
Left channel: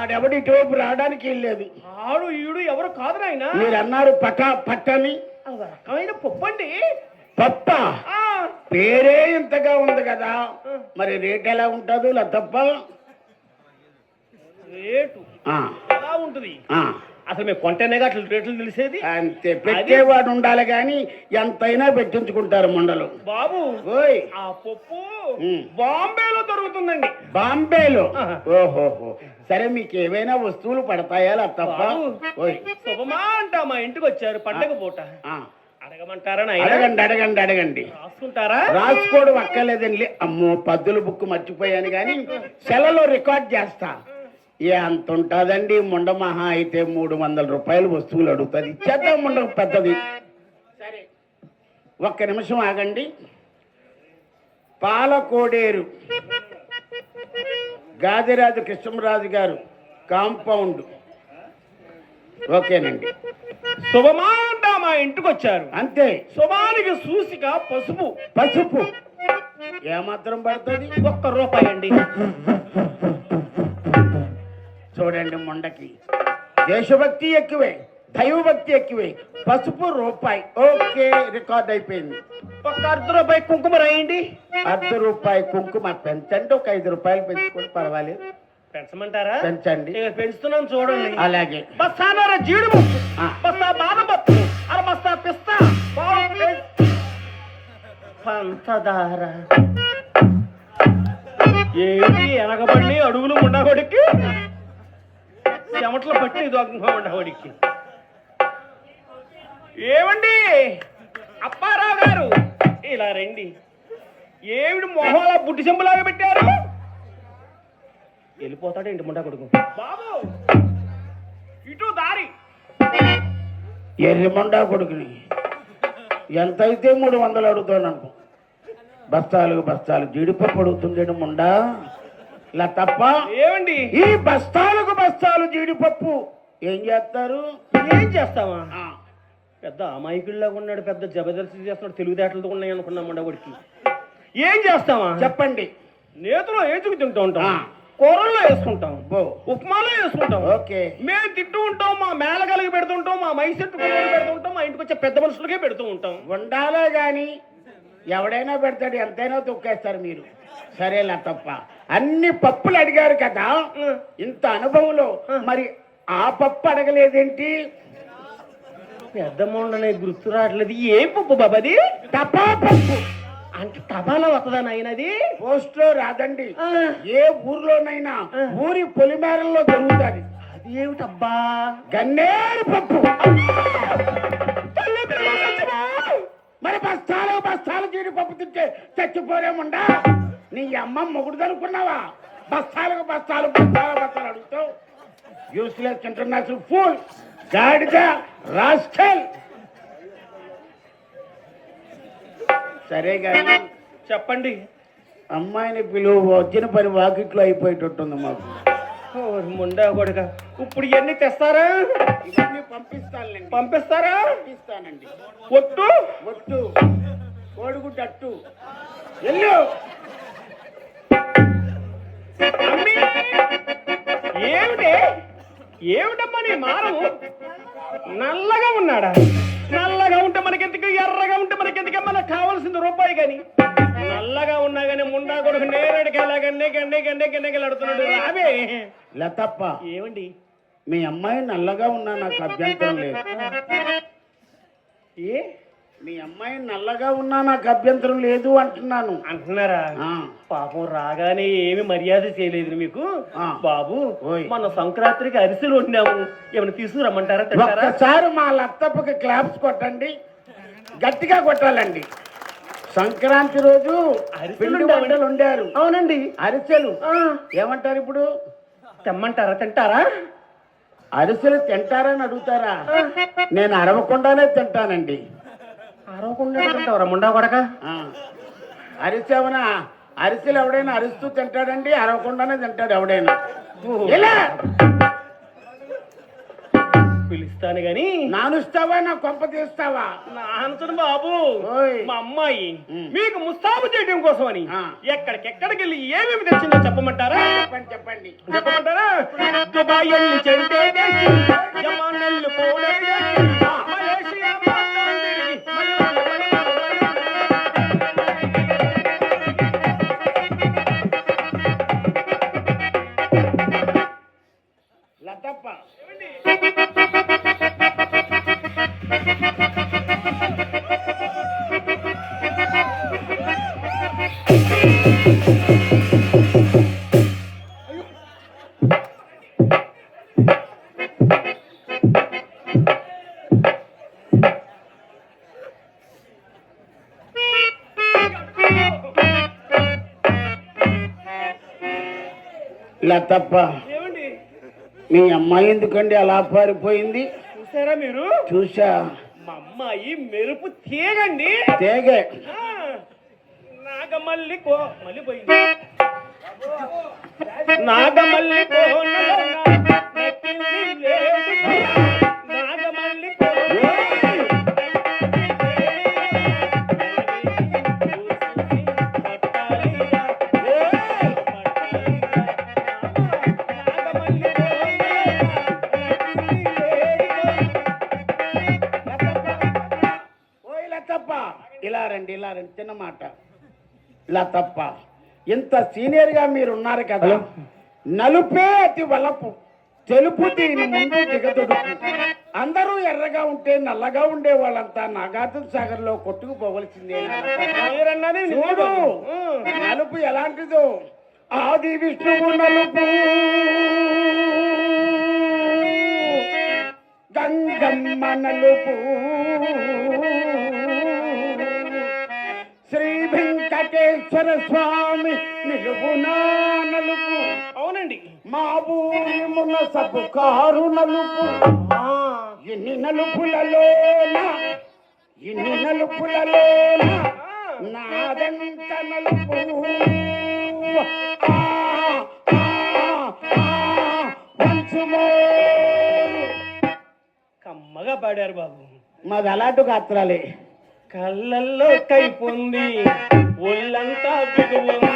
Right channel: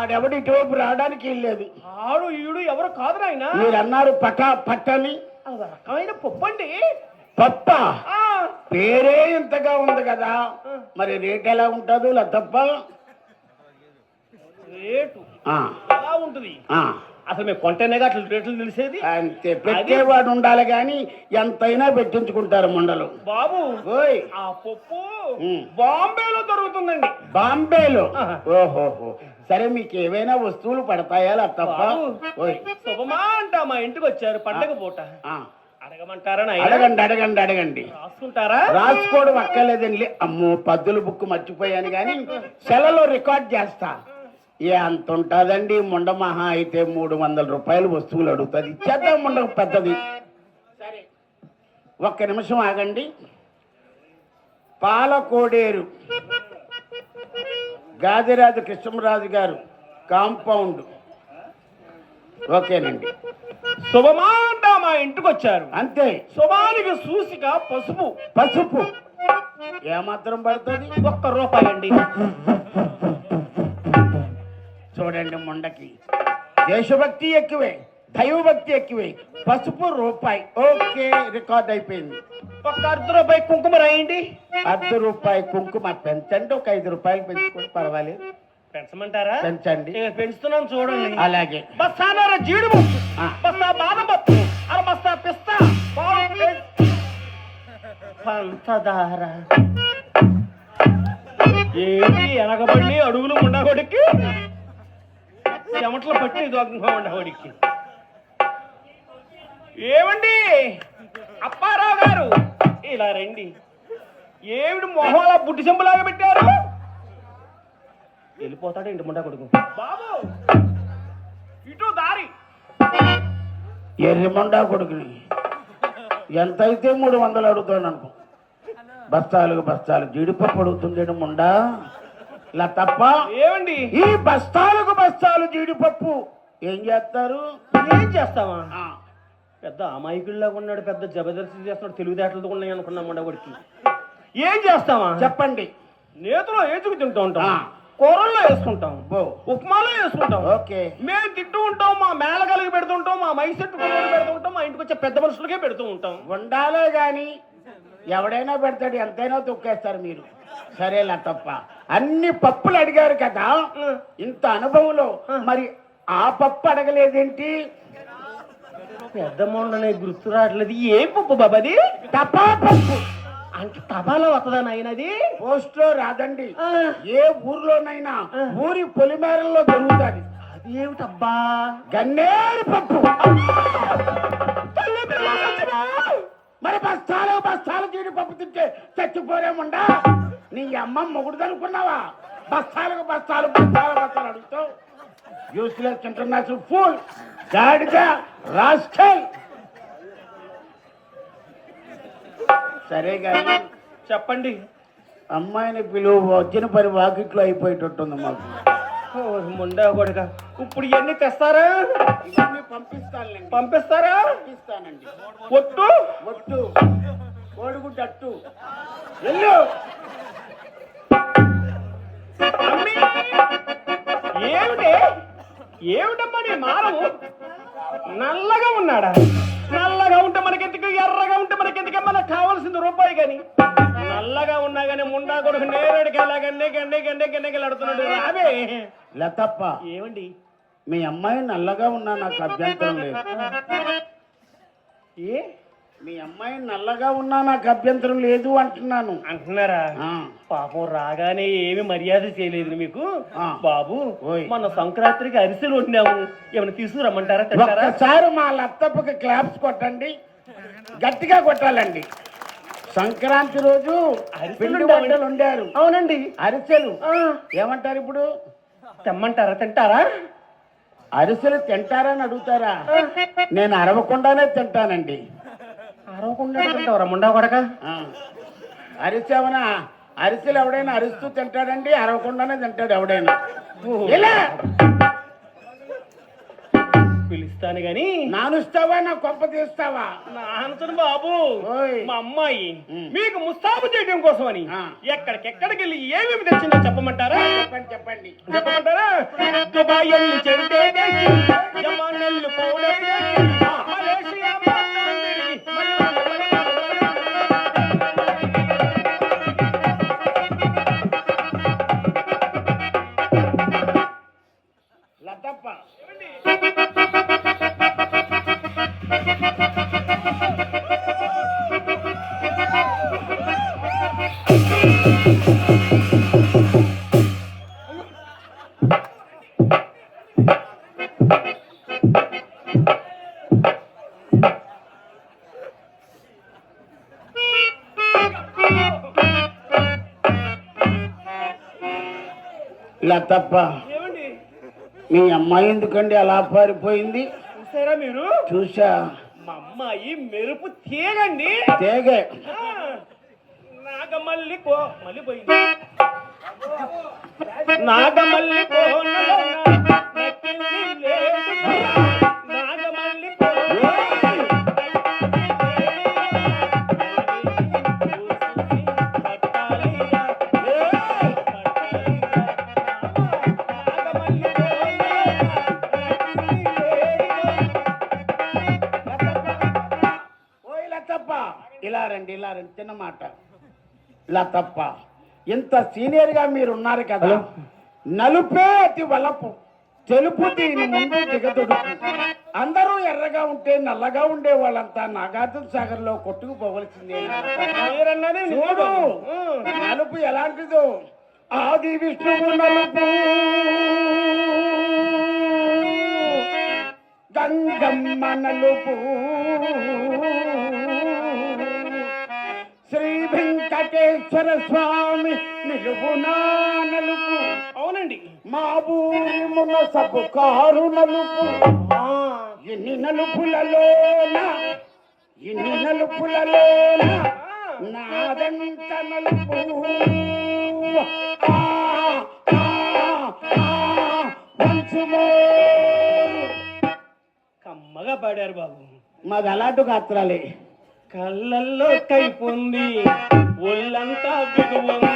ఆడెవడి టోపు రావడానికి వెళ్ళలేదు. ఆడు ఈడు ఎవరు కాదు నాయన, మీరు అన్నారు పట్టని రకమైన పప్పు అండి. పప్ప పేరే ఇంతగా ఉంది కదా, మరి రేట్ ఎలా ఉంటుందో లతప్ప? రేటు ఆ, ఎలా ఉంటుంది? ఆ, అసలు మేము కొంటేనేగా అట్లా రేట్లు తెలిసేది. అంతే, పెట్టేవాడు ఉండాలి కానీ ఎంతైనా పెట్టించుకుంటారు మండలు. బాబు ఓయ్, ఆ పప్పు ఉమ్. బాంబేలో దొరుకుతుందండి. బాంబేలో? ఆహా. ఓహోహో, సరే మీకు ఏవైనా వస్తువులు పడతాయా లతప్ప? బాబు, ఓయ్, శుభమా అంట మా ఇంటికి వచ్చారు పండగ పూట. ఆ, అడగమంటారా? అడగండి. రాసుకుంటారా? రాసుకోవడం అక్కర్లేదండి. అమ్మో, పద్దుల బుక్ మర్చిపోయాను కానీ సెలలో రికార్డ్ చేస్తా. ఏ అంత ఉంటుందండి, ముండ మహా అయితే 300 రూపాయలు వస్తువులు అడుగుతుంది. ఇచ్చేద్దాం ముండ పెద్దది. సరే, ఒక్క నిమిషం ఆగండి. పాలకోడేరు గాదిరాజు కృష్ణరాజు గారు కాంపౌండ్. ఓకేనండి. శుభమా అంట మా ఇంటికి వచ్చారు. అంతే. శుభానికి సూసిక పసుపు ఏమాత్రం పడుతుంది? ₹1 అండి. చూడండి, ముండకి దేశభక్తి ఎక్కువే, దైవభక్తి ఎక్కువే. పసుపు ₹1. ఓకే, రికార్డ్ అయిపోయింది. ₹1 కుంకుమ రాయండి. ₹1 కుంకుమ పెంచండి, ఒక ₹5 పెంచుకోండి, పర్వాలేదు. పెంచమంటారా? పెంచండి. పెంచుతున్నాను చూడండి. అలాగే. బస్తాన్నర జీడిపప్పు, ఆ. బస్తా బాదం పప్పు, బస్తా పిస్తా, పంచదార. ఏంటి ఎనగబడి అడుగులు ఉండబడికి చెమటలు పట్టి ఉండబడికి. ఏమండి అప్పారావు గారు, ఇలా రండి. ఏమిటి మొహంలో బుడ్డి చెంబులాగా పెట్టారు? వెళ్ళిపోతాడు ఇంటి ముండా కొడుకు. బాబు ఇటు దారి. ఎర్రిమండా కొడుకుని ఎంత అయితే 300 అడుగుతాను అనుకో. బస్తాలు జీడిపప్పు అడుగుతుండేడు ముండా. ఇలా తప్ప ఏమండి ఈ బస్తాలు జీడిపప్పు ఏం చేస్తారు? ఏం చేస్తావా? పెద్ద అమాయకుల్లాగా ఉన్నాడు, పెద్ద జబర్దస్త్ చేస్తున్నాడు, తెలివితేటలతో ఉన్నాయి అనుకున్నాం ఉండబడికి. ఏం చేస్తావా చెప్పండి. నేతలో ఏచుకు తింటూ ఉంటాం, కూరల్లో వేసుకుంటాం, ఉప్మాలో వేసుకుంటాం. ఓకే, మేము తింటూ ఉంటాం, మా మేళగలిగి పెడుతుంటాం, మా మైసెట్టు పెడుతుంటాం, మా ఇంటికి వచ్చే పెద్ద మనుషులకే పెడుతూ ఉంటాం. ఉండాలే గాని ఎవడైనా పెడతాడు, ఎంతైనా తొక్కేస్తారు మీరు. సరే లతప్ప, అన్ని పప్పులు అడిగారు కదా, ఇంత అనుభవంలో మరి ఆ పప్పు అడగలేదేంటి? పెద్దమ్మ గుర్తు రావట్లేదు. ఏ పప్పు బాబాది? తపా పప్పు అంటే తపాలా వస్తుందా నాయనది? పోస్ట్ లో రాదండి, ఏ ఊర్లోనైనా ఊరి పొలిమేరల్లో దొరుకుతుంది. అది ఏమిటబ్బా? గన్నేరు పప్పు. మరి బస్తాలు బస్తాలు జీడిపప్పు తింటే చచ్చిపోరేముండా? నీ అమ్మ మొగుడు అనుకున్నావా? బస్తాలకు బస్తాలు బస్తాలు బస్తాలు అడుగుతావు. యూస్లెస్ ఇంటర్నేషనల్ ఫుల్ గాడిద రాస్కల్. సరే గాని చెప్పండి. అమ్మాయిని పిలువ, వచ్చిన పని వాకిట్లో అయిపోయేటట్టుంది మాకు. ముండా కొడుక, ఇప్పుడు ఇవన్నీ తెస్తారా? ఇవన్నీ పంపిస్తానులేండి. పంపిస్తారా? పంపిస్తానండి. ఒట్టు ఒట్టు కోడిగుడ్డు అట్టు వెళ్ళు. అమ్మీ! ఏమిటి ఏమిటమ్మా నీ మారము? నల్లగా ఉన్నాడా? నల్లగా ఉంటే మనకెందుకు, ఎర్రగా ఉంటే మనకెందుకు? మనకు కావాల్సింది రూపాయి. కానీ నల్లగా ఉన్నా కానీ ముండా కొడుకు నేరేడుకి ఎలాగండి గండే గండే గిన్నెగలాడుతున్నాడు. రావే లతప్ప, ఏమండి? మీ అమ్మాయి నల్లగా ఉన్నా నాకు అభ్యంతరం లేదు. ఏ మీ అమ్మాయి నల్లగా ఉన్నా నాకు అభ్యంతరం లేదు అంటున్నాను. అంటున్నారా? ఆ, పాపం రాగానే ఏమి మర్యాద చేయలేదు మీకు. ఆ. బాబు, ఓయ్. మన సంక్రాంతికి అరిసెలు వండాము, ఏమైనా తీసుకురమ్మంటారా? తింటారా? ఒక్కసారి మా లతప్పకి క్లాప్స్ కొట్టండి, గట్టిగా కొట్టాలండి. సంక్రాంతి రోజు అరిసెలు పిండి వంటలు వండారు. అవునండి. అరిసెలు ఏమంటారు ఇప్పుడు? తెమ్మంటారా? తింటారా? అరిసెలు తింటారని అడుగుతారా? నేను అరవకుండానే తింటానండి. అరవకుండా తింటావరా ముండా కొడక? అరిసెవనా? అరిసెలు ఎవడైనా అరుస్తూ తింటాడండి, అరవకుండానే తింటాడు ఎవడైనా. ఇలా పిలుస్తాను గాని నానుస్తావా, నా కొంప తీస్తావా? నాంచను బాబు. ఓయ్. మా అమ్మాయి ఉమ్. మీకు ముస్తాబు చేయడం కోసమని ఆ. ఎక్కడికెక్కడికి వెళ్ళి ఏమేమి తెచ్చిందో చెప్పమంటారా? చెప్పండి చెప్పండి. చెప్పమంటారా? దుబాయ్ వెళ్ళి చెంటే తెచ్చి, జమానెల్లు పౌడర్ తెచ్చి, మలేషియా మొత్తం తిరిగి, లతప్ప, లతప్ప, ఏమండి? మీ అమ్మాయి ఎందుకండి అలా పారిపోయింది? చూసారా మీరు? చూసా. మా అమ్మాయి మెరుపు తీగండి. తేగే. నాగమల్లి మళ్ళీ పోయింది. నాగమల్లి నాగమల్లి ఓయ్ లతప్ప, ఇలా రండి, ఇలా రండి. చిన్న మాట. లతప్ప, ఇంత సీనియర్ గా మీరు ఉన్నారు కదా, నలుపే అతి వలపు, తెలుపు దీని ముందు దిగదొడుకు. అందరూ ఎర్రగా ఉంటే నల్లగా ఉండే వాళ్ళంతా నాగార్జున సాగర్ లో కొట్టుకుపోవలసిందే. చూడు, నలుపు ఎలాంటిదో. ఆది విష్ణువు నలుపు, గంగమ్మ నలుపు, శ్రీ వెంకటేశ్వర స్వామి నిలుపునా నలుపు. అవునండి. మా ఊరి మునసపు కారు నలుపు. ఎన్ని నలుపులలోన, ఎన్ని నలుపులలోన నాదంత నలుపు. కమ్మగా పాడారు బాబు. మాది అలాంటి గాత్రాలే. కళ్ళల్లో కైపుంది, ఒళ్ళంతా బిగువుంది.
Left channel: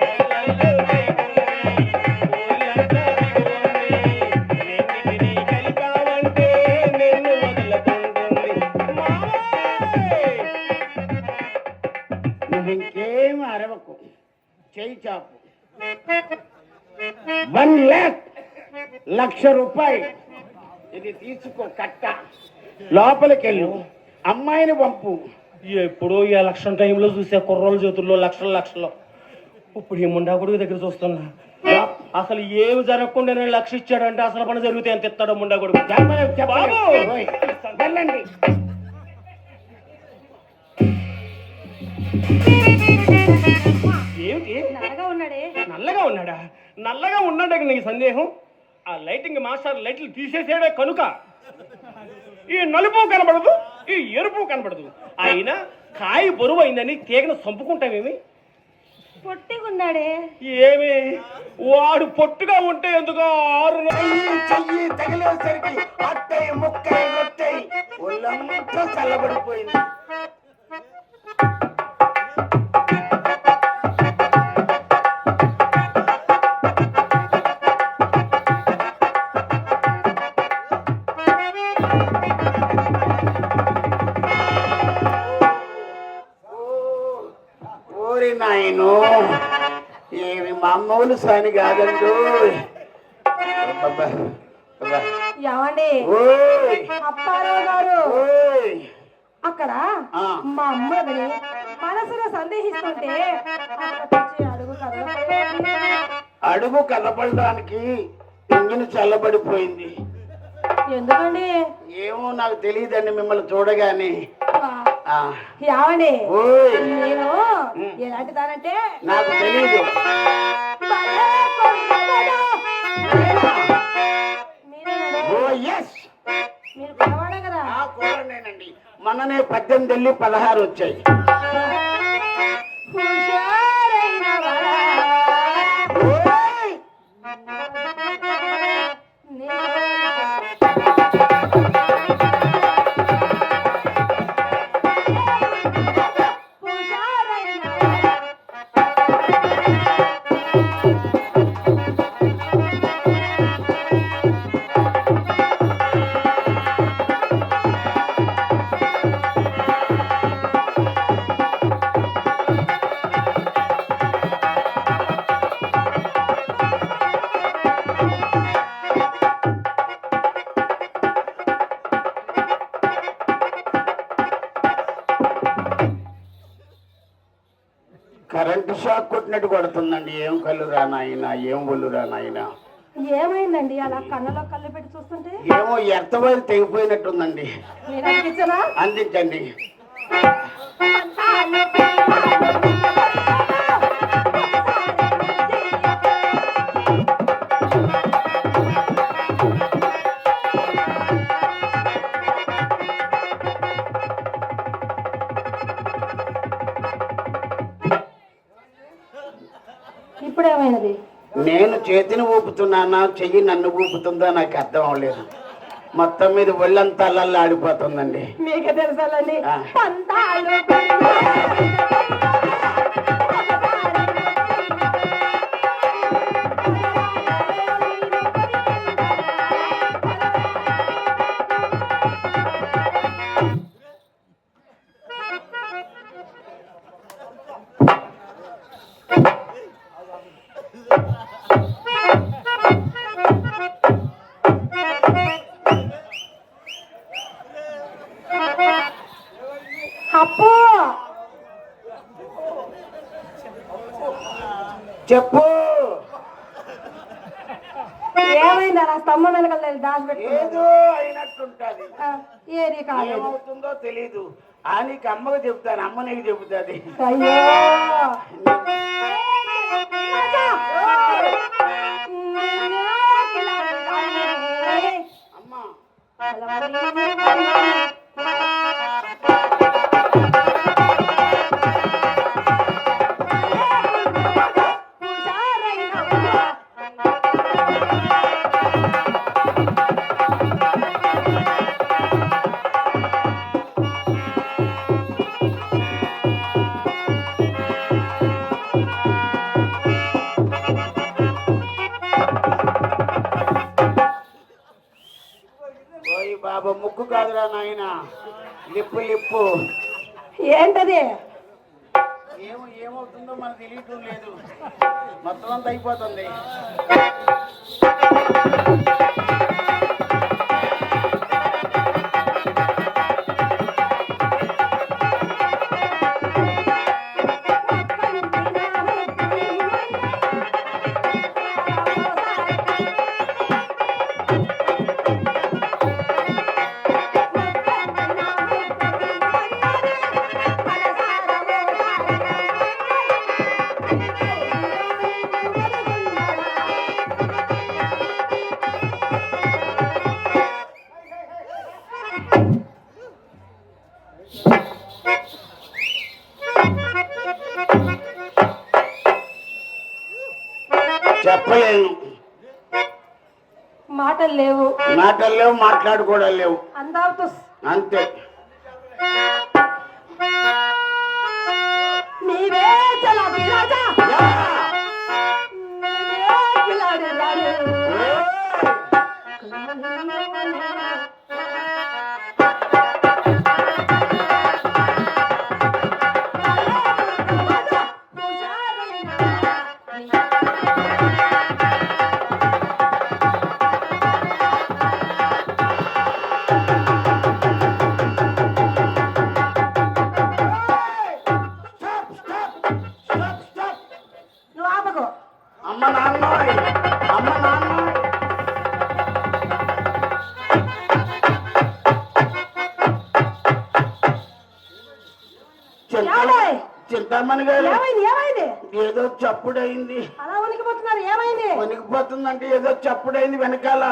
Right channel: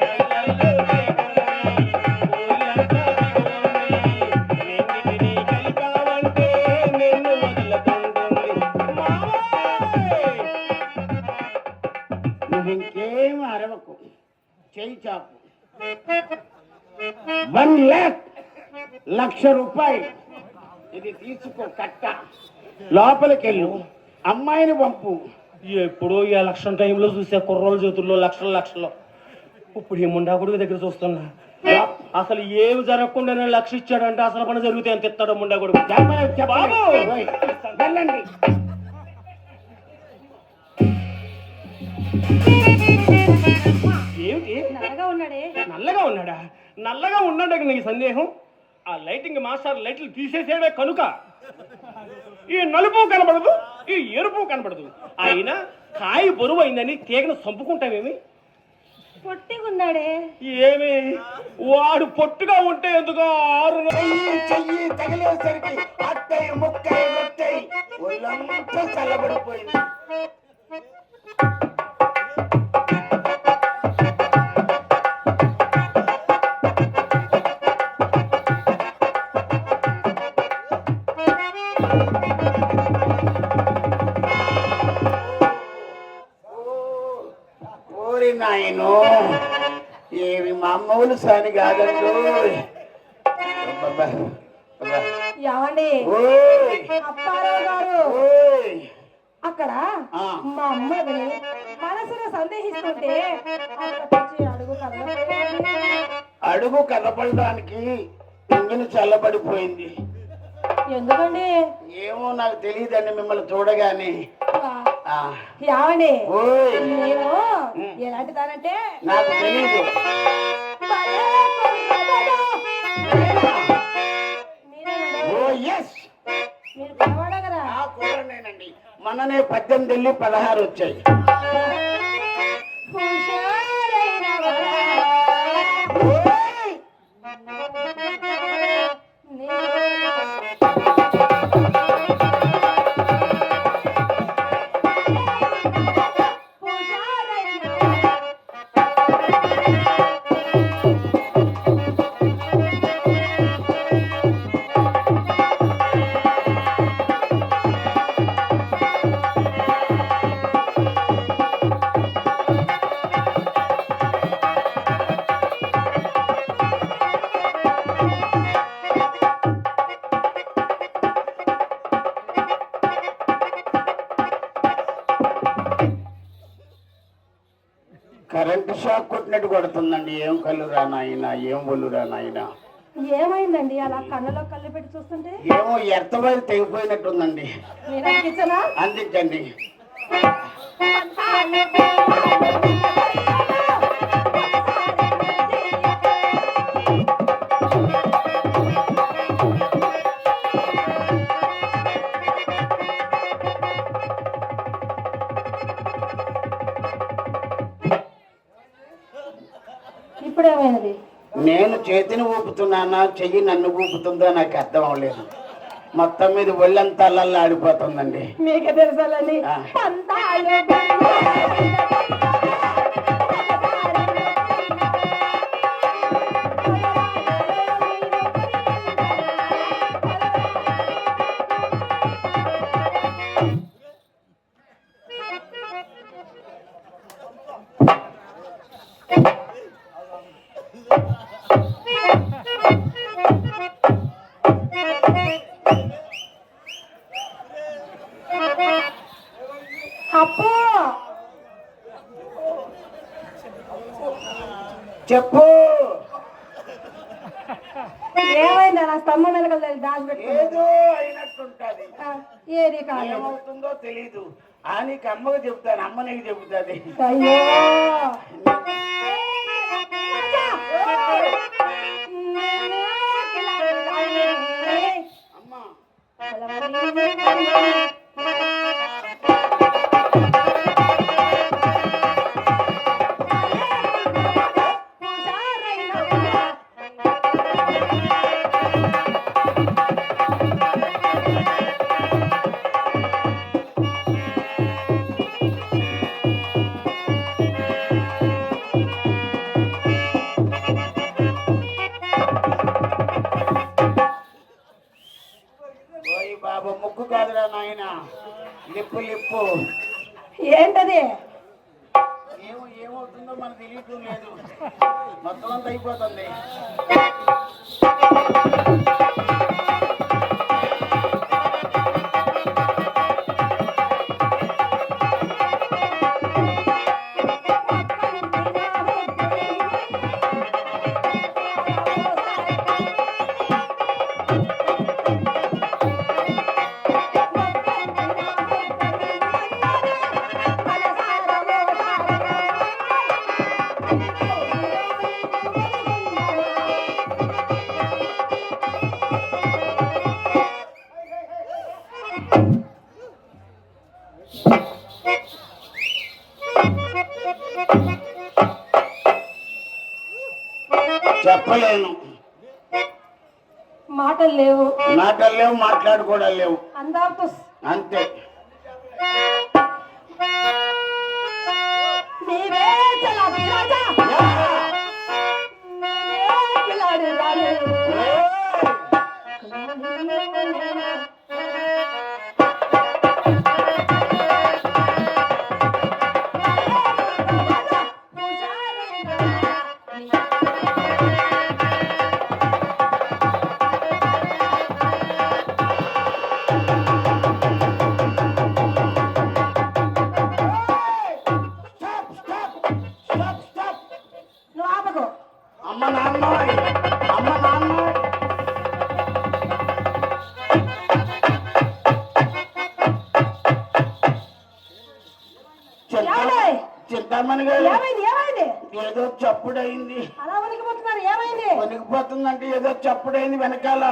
కళ్ళల్లో కైపుంది, ఒళ్ళంతా బిగువుంది. రెండింటినీ కలిపావంటే నిన్ను వదలకుంటుంది. మావోయ్! నువ్వు ఇంకేం అరవకు, చేయి చాపు. 1,00,000 రూపాయలు ఇది తీసుకో, కట్ట. లోపలికెళ్ళు, అమ్మాయిని పంపు. ఎప్పుడో ఈ ఎలక్షన్ టైంలో చూసే కుర్రోళ్ళ చేతుల్లో లక్షలు. ఇప్పుడు ఈ ముండా కొడుకు దగ్గర చూస్తున్నా. అసలు ఏమి జరగకుండా 1,00,000 ఇచ్చాడంటే అసలు పని జరిగితే ఎంత ఇస్తాడో ముండా కొడుకు. బాబు! వెళ్ళండి. ఏమిటి నల్లగా ఉన్నాడా? నల్లగా ఉన్నాడే నీకు సందేహం? ఆ లైటింగ్ మాస్టర్ లైట్లు తీసేసాడే కనుక ఈ నలుపు కనబడదు, ఈ ఎరుపు కనబడదు. అయినా కాయ బరువు అయిందని తీగను చంపుకుంటామేమి? పొట్టిగున్నాడే. ఏమి వాడు పొట్టుగా ఉంటే ఎందుకు 6 చెయ్యి తగిలేసరికి అట్టయి ముక్కై రొట్టై ఒళ్ళంతా చల్లబడిపోయింది. నాయను ఏమి మామూలు సాని కాదండు. ఏమండి అప్పారావు గారు, అక్కడ మా అమ్మని మనసులో సందేహిస్తుంటే అడుగు కదపడానికి ఇంజిన్ చల్లబడిపోయింది. ఎందుకండి? ఏమో నాకు తెలియదండి, మిమ్మల్ని చూడగానే. ఏమండి నేను ఎలాంటి దానంటే నాకు తెలీదు. మీరు పరవాడే కదా? నేనండి. మొన్ననే 18 వెళ్ళి 16 వచ్చాయి. కరెంటు షాక్ కొట్టినట్టు కొడుతుందండి. ఏం కళ్ళు రానాయన, ఏం ఒళ్ళు రానాయన. ఏమైందండి అలా కళ్ళలో కళ్ళు పెట్టి చూస్తుంటే? ఏమో ఎర్తబయలు తెగిపోయినట్టుందండి. అందించండి. ఇప్పుడేమైనది? నేను చేతిని ఊపుతున్నానా, చెయ్యి నన్ను ఊపుతుందో నాకు అర్థం అవ్వలేదు. మొత్తం మీద ఒళ్ళంతా అల్లల్లా ఆడిపోతుందండి. మీకే తెలుసాలండి. అప్పు చెప్పు. ఏమైంది? అలా స్తంభం వెనకాల దాచి ఏదో అయినట్టుంటది. ఏది కాదు, ఏమవుతుందో తెలీదు. ఆ నీకు అమ్మకు చెప్తాను, అమ్మ నీకు చెబుతుంది. అయ్యో అమ్మా బాబు ముక్కు కాదురా నాయన, లిప్పు లిప్పు. ఏంటది? ఏమవుతుందో మనకు తెలియటం లేదు, మొత్తం అంతా అయిపోతుంది. చెప్పలేను, మాటలు లేవు, మాటలు లేవు, మాట్లాడుకోవడం లేవు, అందాలతో అంతే. నీవే చలాకి రాజా, నీవే కిలాడి రాణి. నువ్వు ఆపకు. అమ్మ నాన్న, అమ్మ నాన్న, ఏమండి? చింతామణి గారు, ఏమైంది ఏమైంది? ఏదో చప్పుడైంది. అలా వణికిపోతున్నారు, ఏమైంది? వణికిపోతుందంటే ఏదో చప్పుడైంది వెనకాల.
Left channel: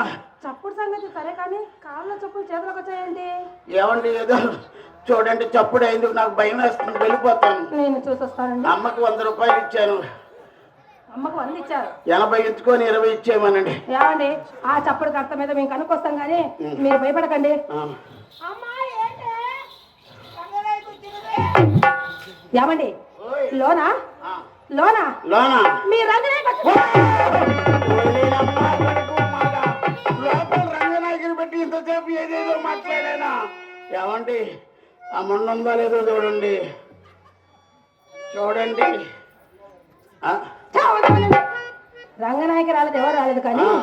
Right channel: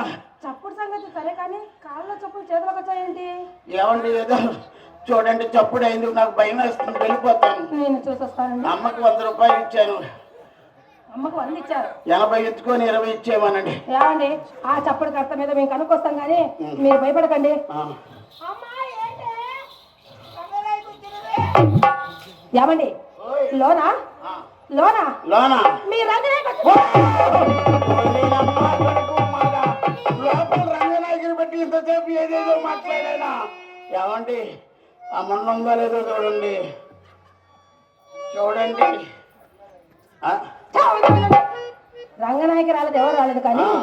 చప్పుడు సంగతి సరే కానీ కాళ్ళ చప్పులు చేతులకు వచ్చాయేంటి? ఏమండి ఏదో చూడండి చప్పుడైంది, నాకు భయం వేస్తుంది, వెళ్ళిపోతాను. నేను చూసొస్తానండి. అమ్మకి 100 రూపాయలు ఇచ్చాను, అమ్మకు 100 ఇచ్చారు. 80 ఇచ్చుకొని 20 ఇచ్చేయమనండి. ఏమండి ఆ చప్పుడు కర్త మీద మేము కనుక్కొస్తాం కానీ మీరు భయపడకండి. ఆ. ఏమండి ఓయ్. లోనా ఆ. లోనా లోనా మీ రంగనాయక ఓలేనమ్మా, కొడుకు మాట. లోపల రంగనాయకుని బట్టి ఇంతసేపు ఏదేదో మాట్లాడానా. ఏమండి ఆ మొన్న ఉందో లేదో చూడండి, చూడండి. ఆ? రంగనాయకి రాలేదు, ఎవరు రాలేదు కానీ ఆ.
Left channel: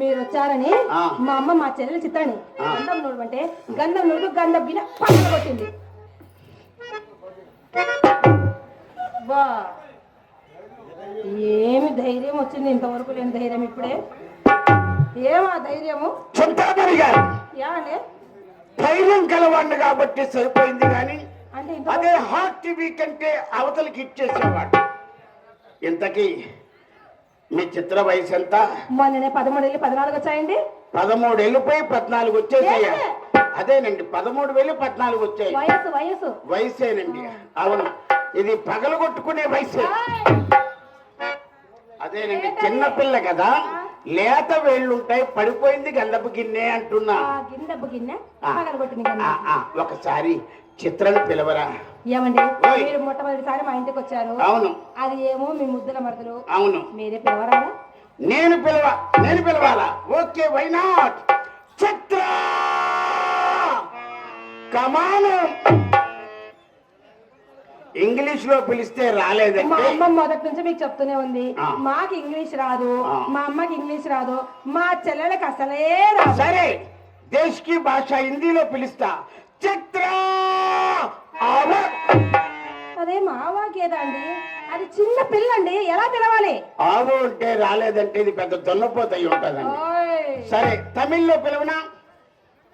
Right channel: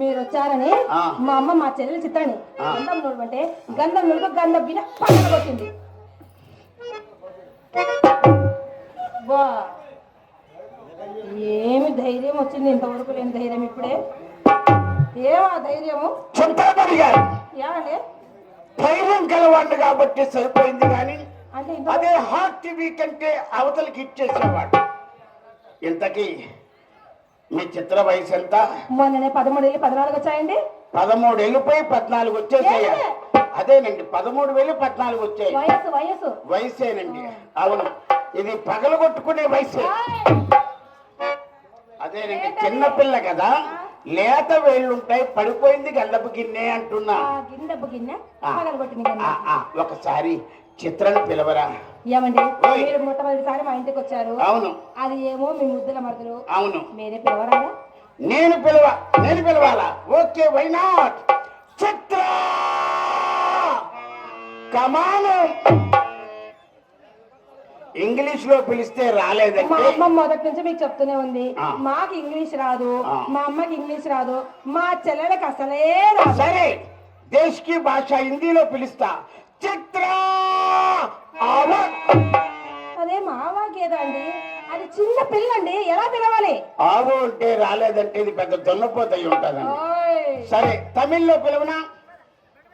మీరు వచ్చారని ఆ. మా అమ్మ మా చెల్లెలు చిత్రాన్ని ఆ. గంధం నూడు అంటే గంధం నూడు గంధం బిన పక్కన కొట్టింది. వా ఏమి ధైర్యం వచ్చింది, ఇంతవరకు లేని ధైర్యం ఇప్పుడే. ఏమా ధైర్యము? చింతామణి గారు ఏమండి ధైర్యం గలవాడిని కాబట్టి సరిపోయింది, కానీ అంటే అదే హాట్ టీవీ కంటే అవతలకి ఇచ్చేసేవాడు. ఇంతకీ మీ చిత్ర వయసు ఎంత? మొన్ననే 13 వెళ్ళి 14 వచ్చాయండి. 13 వెళ్ళిపోయి 14 వచ్చేసాయా? అదేనండి, 13 వెళ్ళి 14 వచ్చాయి. వయసు వయసు వయసేనండి, అవును. ఇది పగలగొట్టుకునే వయసే. అదేనండి, చిన్నపిల్ల కదా, లేత వేళ్ళుంటాయి, పడిపోయింది గంధపు గిన్నె అంటున్నా. గిన్నె గిన్నె ఆ. పగలగొట్టింది ఆ, ఆ, ఒకసారి చిత్రాన్ని పిలవరా. ఏమండి ఓయ్. మీరు మొట్టమొదటిసారి మా ఇంటికి వచ్చారు. అవును అది ఏమో మీ ముద్దుల మరుదులు, అవును. మీరే పిలవరా? నేను పిలవాలా? Okay, why not. Chitra come on. English లో పిలిస్తే మా రాలేదంటే అమ్మ మొదటి నుంచి మీకు చెప్తూనే ఉంది, ఆ. మాకు ఇంగ్లీష్ రాదు, ఆ. మా అమ్మకి ఇంగ్లీష్ రాదు, మా చెల్లెలకు అసలే రాదు. సరే, దేశ్ కి భాష హిందీలో పిలుస్తా. చిత్ర ఆవా. అదే మా వాకేదా అండి, అది చిన్న పిల్లండి, ఎలా పిలవాలి? ఆవు అంటే రాలేదంటే ఇది పెద్ద దొన్నపోతయి ఉంటుందండి. ఓయ్. సరే, తమిళ్లో పిలవనా?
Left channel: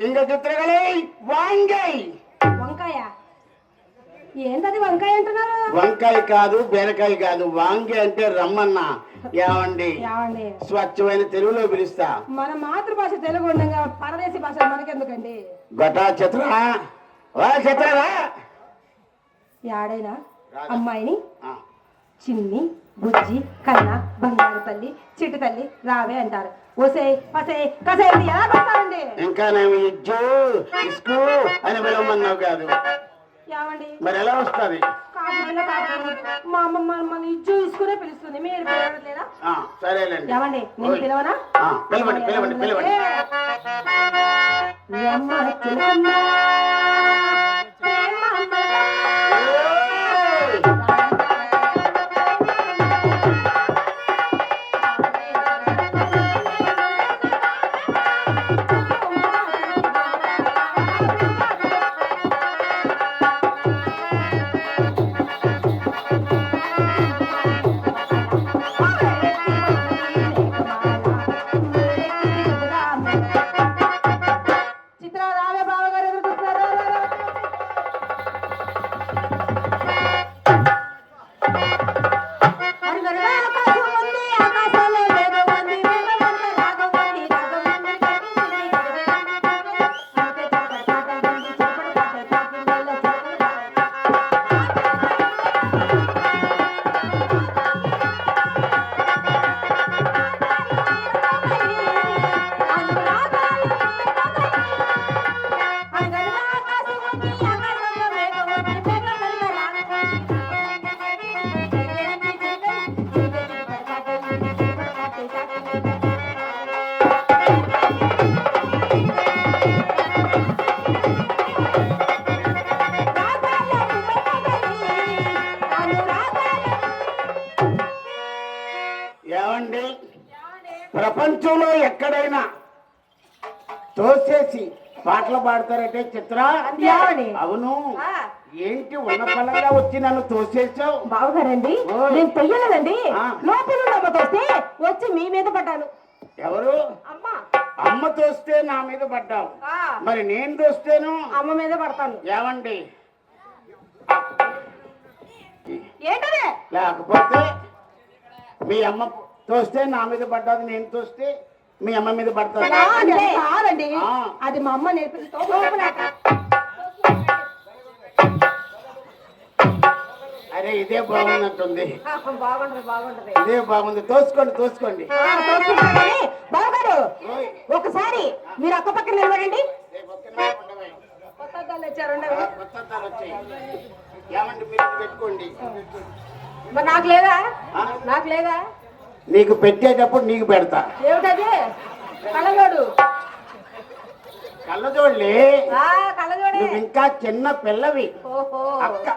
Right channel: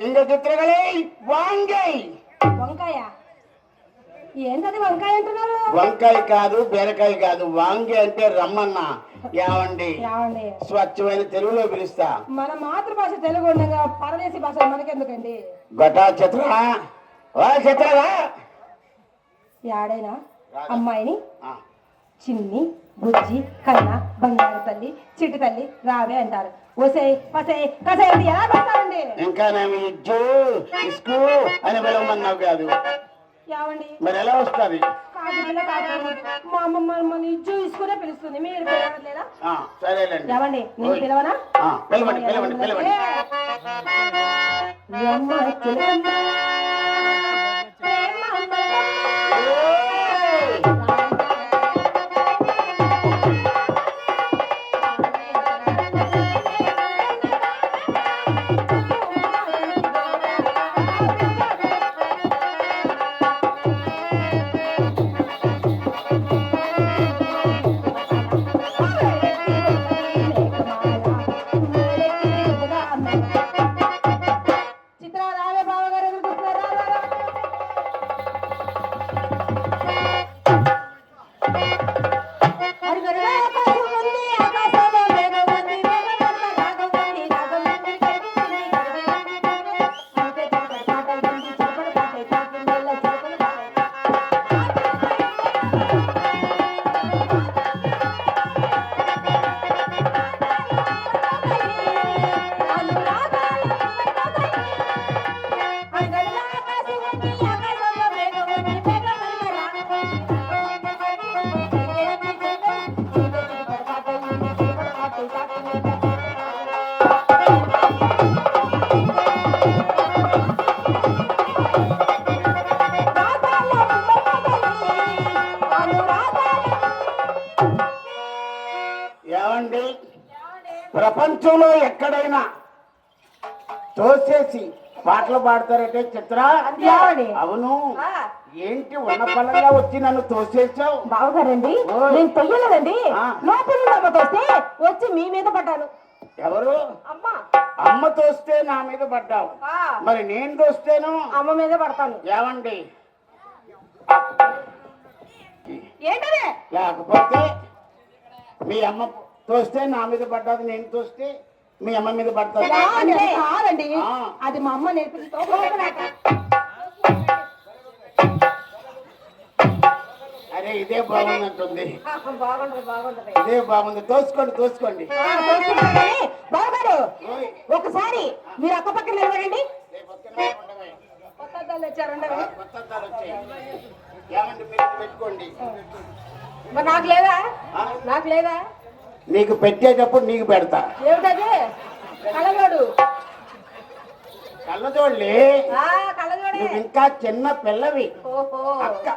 ఇంక చిత్రగలే వాంగై. వంకాయ ఏంటది వంకాయ అంటున్నారు? వంకాయ కాదు, బీరకాయ కాదు, వాంగి అంటే రమ్మన్నా. ఏమండి ఏమండి స్వచ్ఛమైన తెలుగులో పిలుస్తా. మన మాతృభాష తెలుగు ఉండగా పరదేశీ భాష మనకెందుకండి? గొటా చిత్ర, వా చిత్రరా. యాడైనా అమ్మాయిని ఆ, చిన్ని బుజ్జి కన్న బంగారు తల్లి చిట్టి తల్లి రావే అంటారు. ఒసే పసే కసే అంటే ఎలా పెడతారండి? ఇంకా నేను ఇజ్జు ఇస్కు అని పిలవమన్నావు కాదు, ఏమండి మరి ఎలా వస్తుంది? కాదు పిల్ల కాదు, మా అమ్మమ్మ మమ్మల్ని ఇజ్జు ఇసుకునే పిలుస్తుంది, మీరు పిలవడం లేదా? సరేలేండి. ఏమండి నేను ఓయ్. పిలవనా? పిలవండి పిలవండి పిలవండి. రమ్మ చిలకమ్మ, ప్రేమ మలకమ్మ, ఓయ్. రాయమ్మ ప్రపంచంలో ఎక్కడైనా తోసేసి పాటలు పాడతారంటే చిత్ర. ఏమండి? అవును. ఆ. ఏంటి ఉన్న పలంగా వచ్చి నన్ను తోసేసావు? బావగారండి ఓయ్. నేను తొయ్యలేదండి. ఆ. లోపల తోస్తే వచ్చి మీ మీద పడ్డాను. ఎవరు? అమ్మా. అమ్మ తోస్తే నా మీద పడ్డావు, ఆ. మరి నేను తోస్తేను అమ్మ మీద పడతాను. ఏమండి? ఏంటదే? లేకపోతే మీ అమ్మ తోస్తే నా మీద పడ్డాది, నేను తోస్తే మీ అమ్మ మీద పడతాది. అంటే కాదండి, ఆ. అది మా అమ్మ నేర్పింది. అరే ఇదే బాగున్నట్టుంది, బాగుంటది బాగుంటది. ఇదే బాగుంది. తోసుకోండి తోసుకోండి. బావగారు ఓయ్. ఒకసారి మీరు అక్క పక్కన నిలబడండి. రేపు ఒక్క నిమిషం ఉండవే. కొత్త అద్దాలు తెచ్చారు కొత్త అద్దాలు వచ్చాయి. ఏమండి మీరు పెట్టుకోండి. మరి నాకు లేదా? ఆ? నాకు లేదా? నీకు పెట్టేటప్పుడు నీకు పెడతా. ఏమిటది? కళ్ళజోడు. కళ్ళజోళ్ళే. కళ్ళజోడే. నువ్వు ఇంకా చిన్న పిల్లవి. ఓహో. అక్క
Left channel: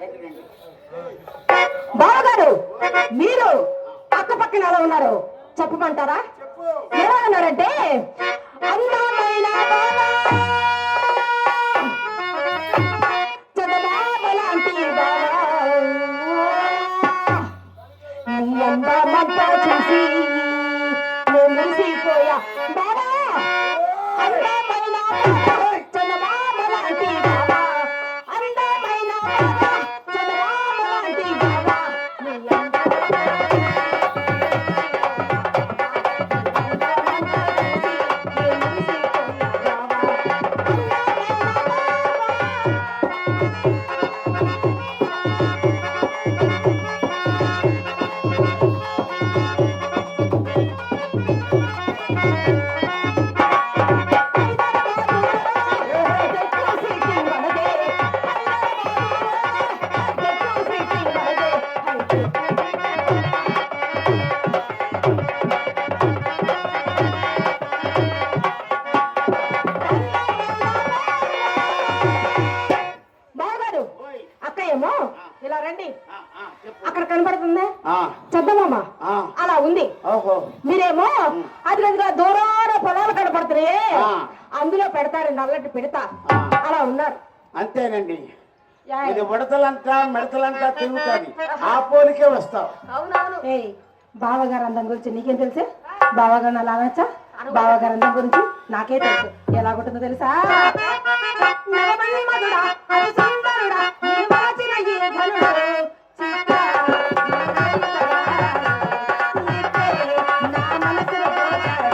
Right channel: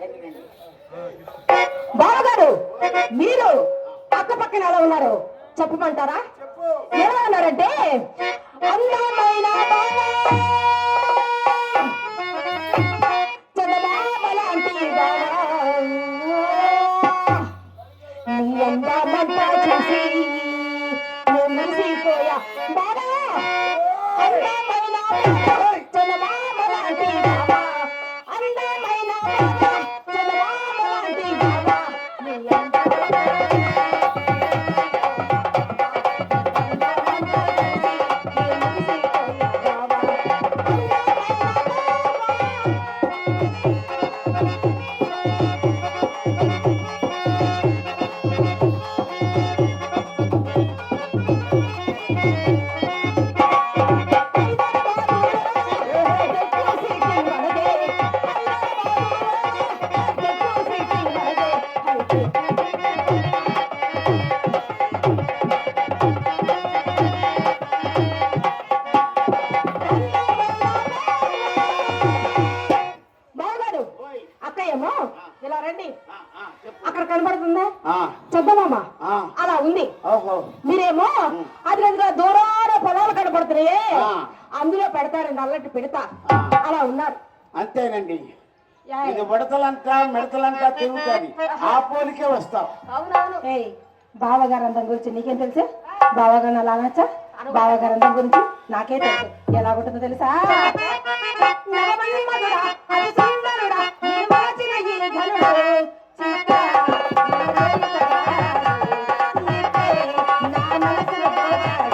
రండి, రండి. బావగారు మీరు అక్క పక్కన ఎలా ఉన్నారు చెప్పమంటారా? చెప్పు. ఎలా ఉన్నారంటే అందమైన బావ, చందమామలాంటి బావ, నీ అందమంతా చూసి నేను మురిసిపోయా బావా. అందమైన బావ, చందమామలాంటి బావ, అందమైన బావ, చందమామలాంటి బావ, నీ బావగారు ఓయ్. అక్క ఏమో ఇలా రండి. చెప్పు. అక్కడ కనబడుతుందా ఆ, చందమామ? ఆ. అలా ఉంది. ఓహో. మీరేమో అది అదిగా దూరాన పొలాలు కనపడుతున్నాయే, ఆ. అందులో పెడతారండి అల్లటి పెడతా. ఆ. అలా ఉన్నారు. అంతేనండి. ఇది ఉడతలంట మిడతలంట తిరుగుతుంది, ఆ పోలికే వస్తావు. అవునవును. ఏయ్ బావగారు అందం గురించి నీకేం తెలుసు? బావగారు అలా అనొచ్చా? బావగారు అందం గురించి నాకే తెలుసు. ఎలా ఉంటుందో తెలుసా? నవమన్మధుడా, అతి సుందరుడా, నీ మరచిన ఈ ఘనుడు, చిత్త నా మనసును దోచాడు.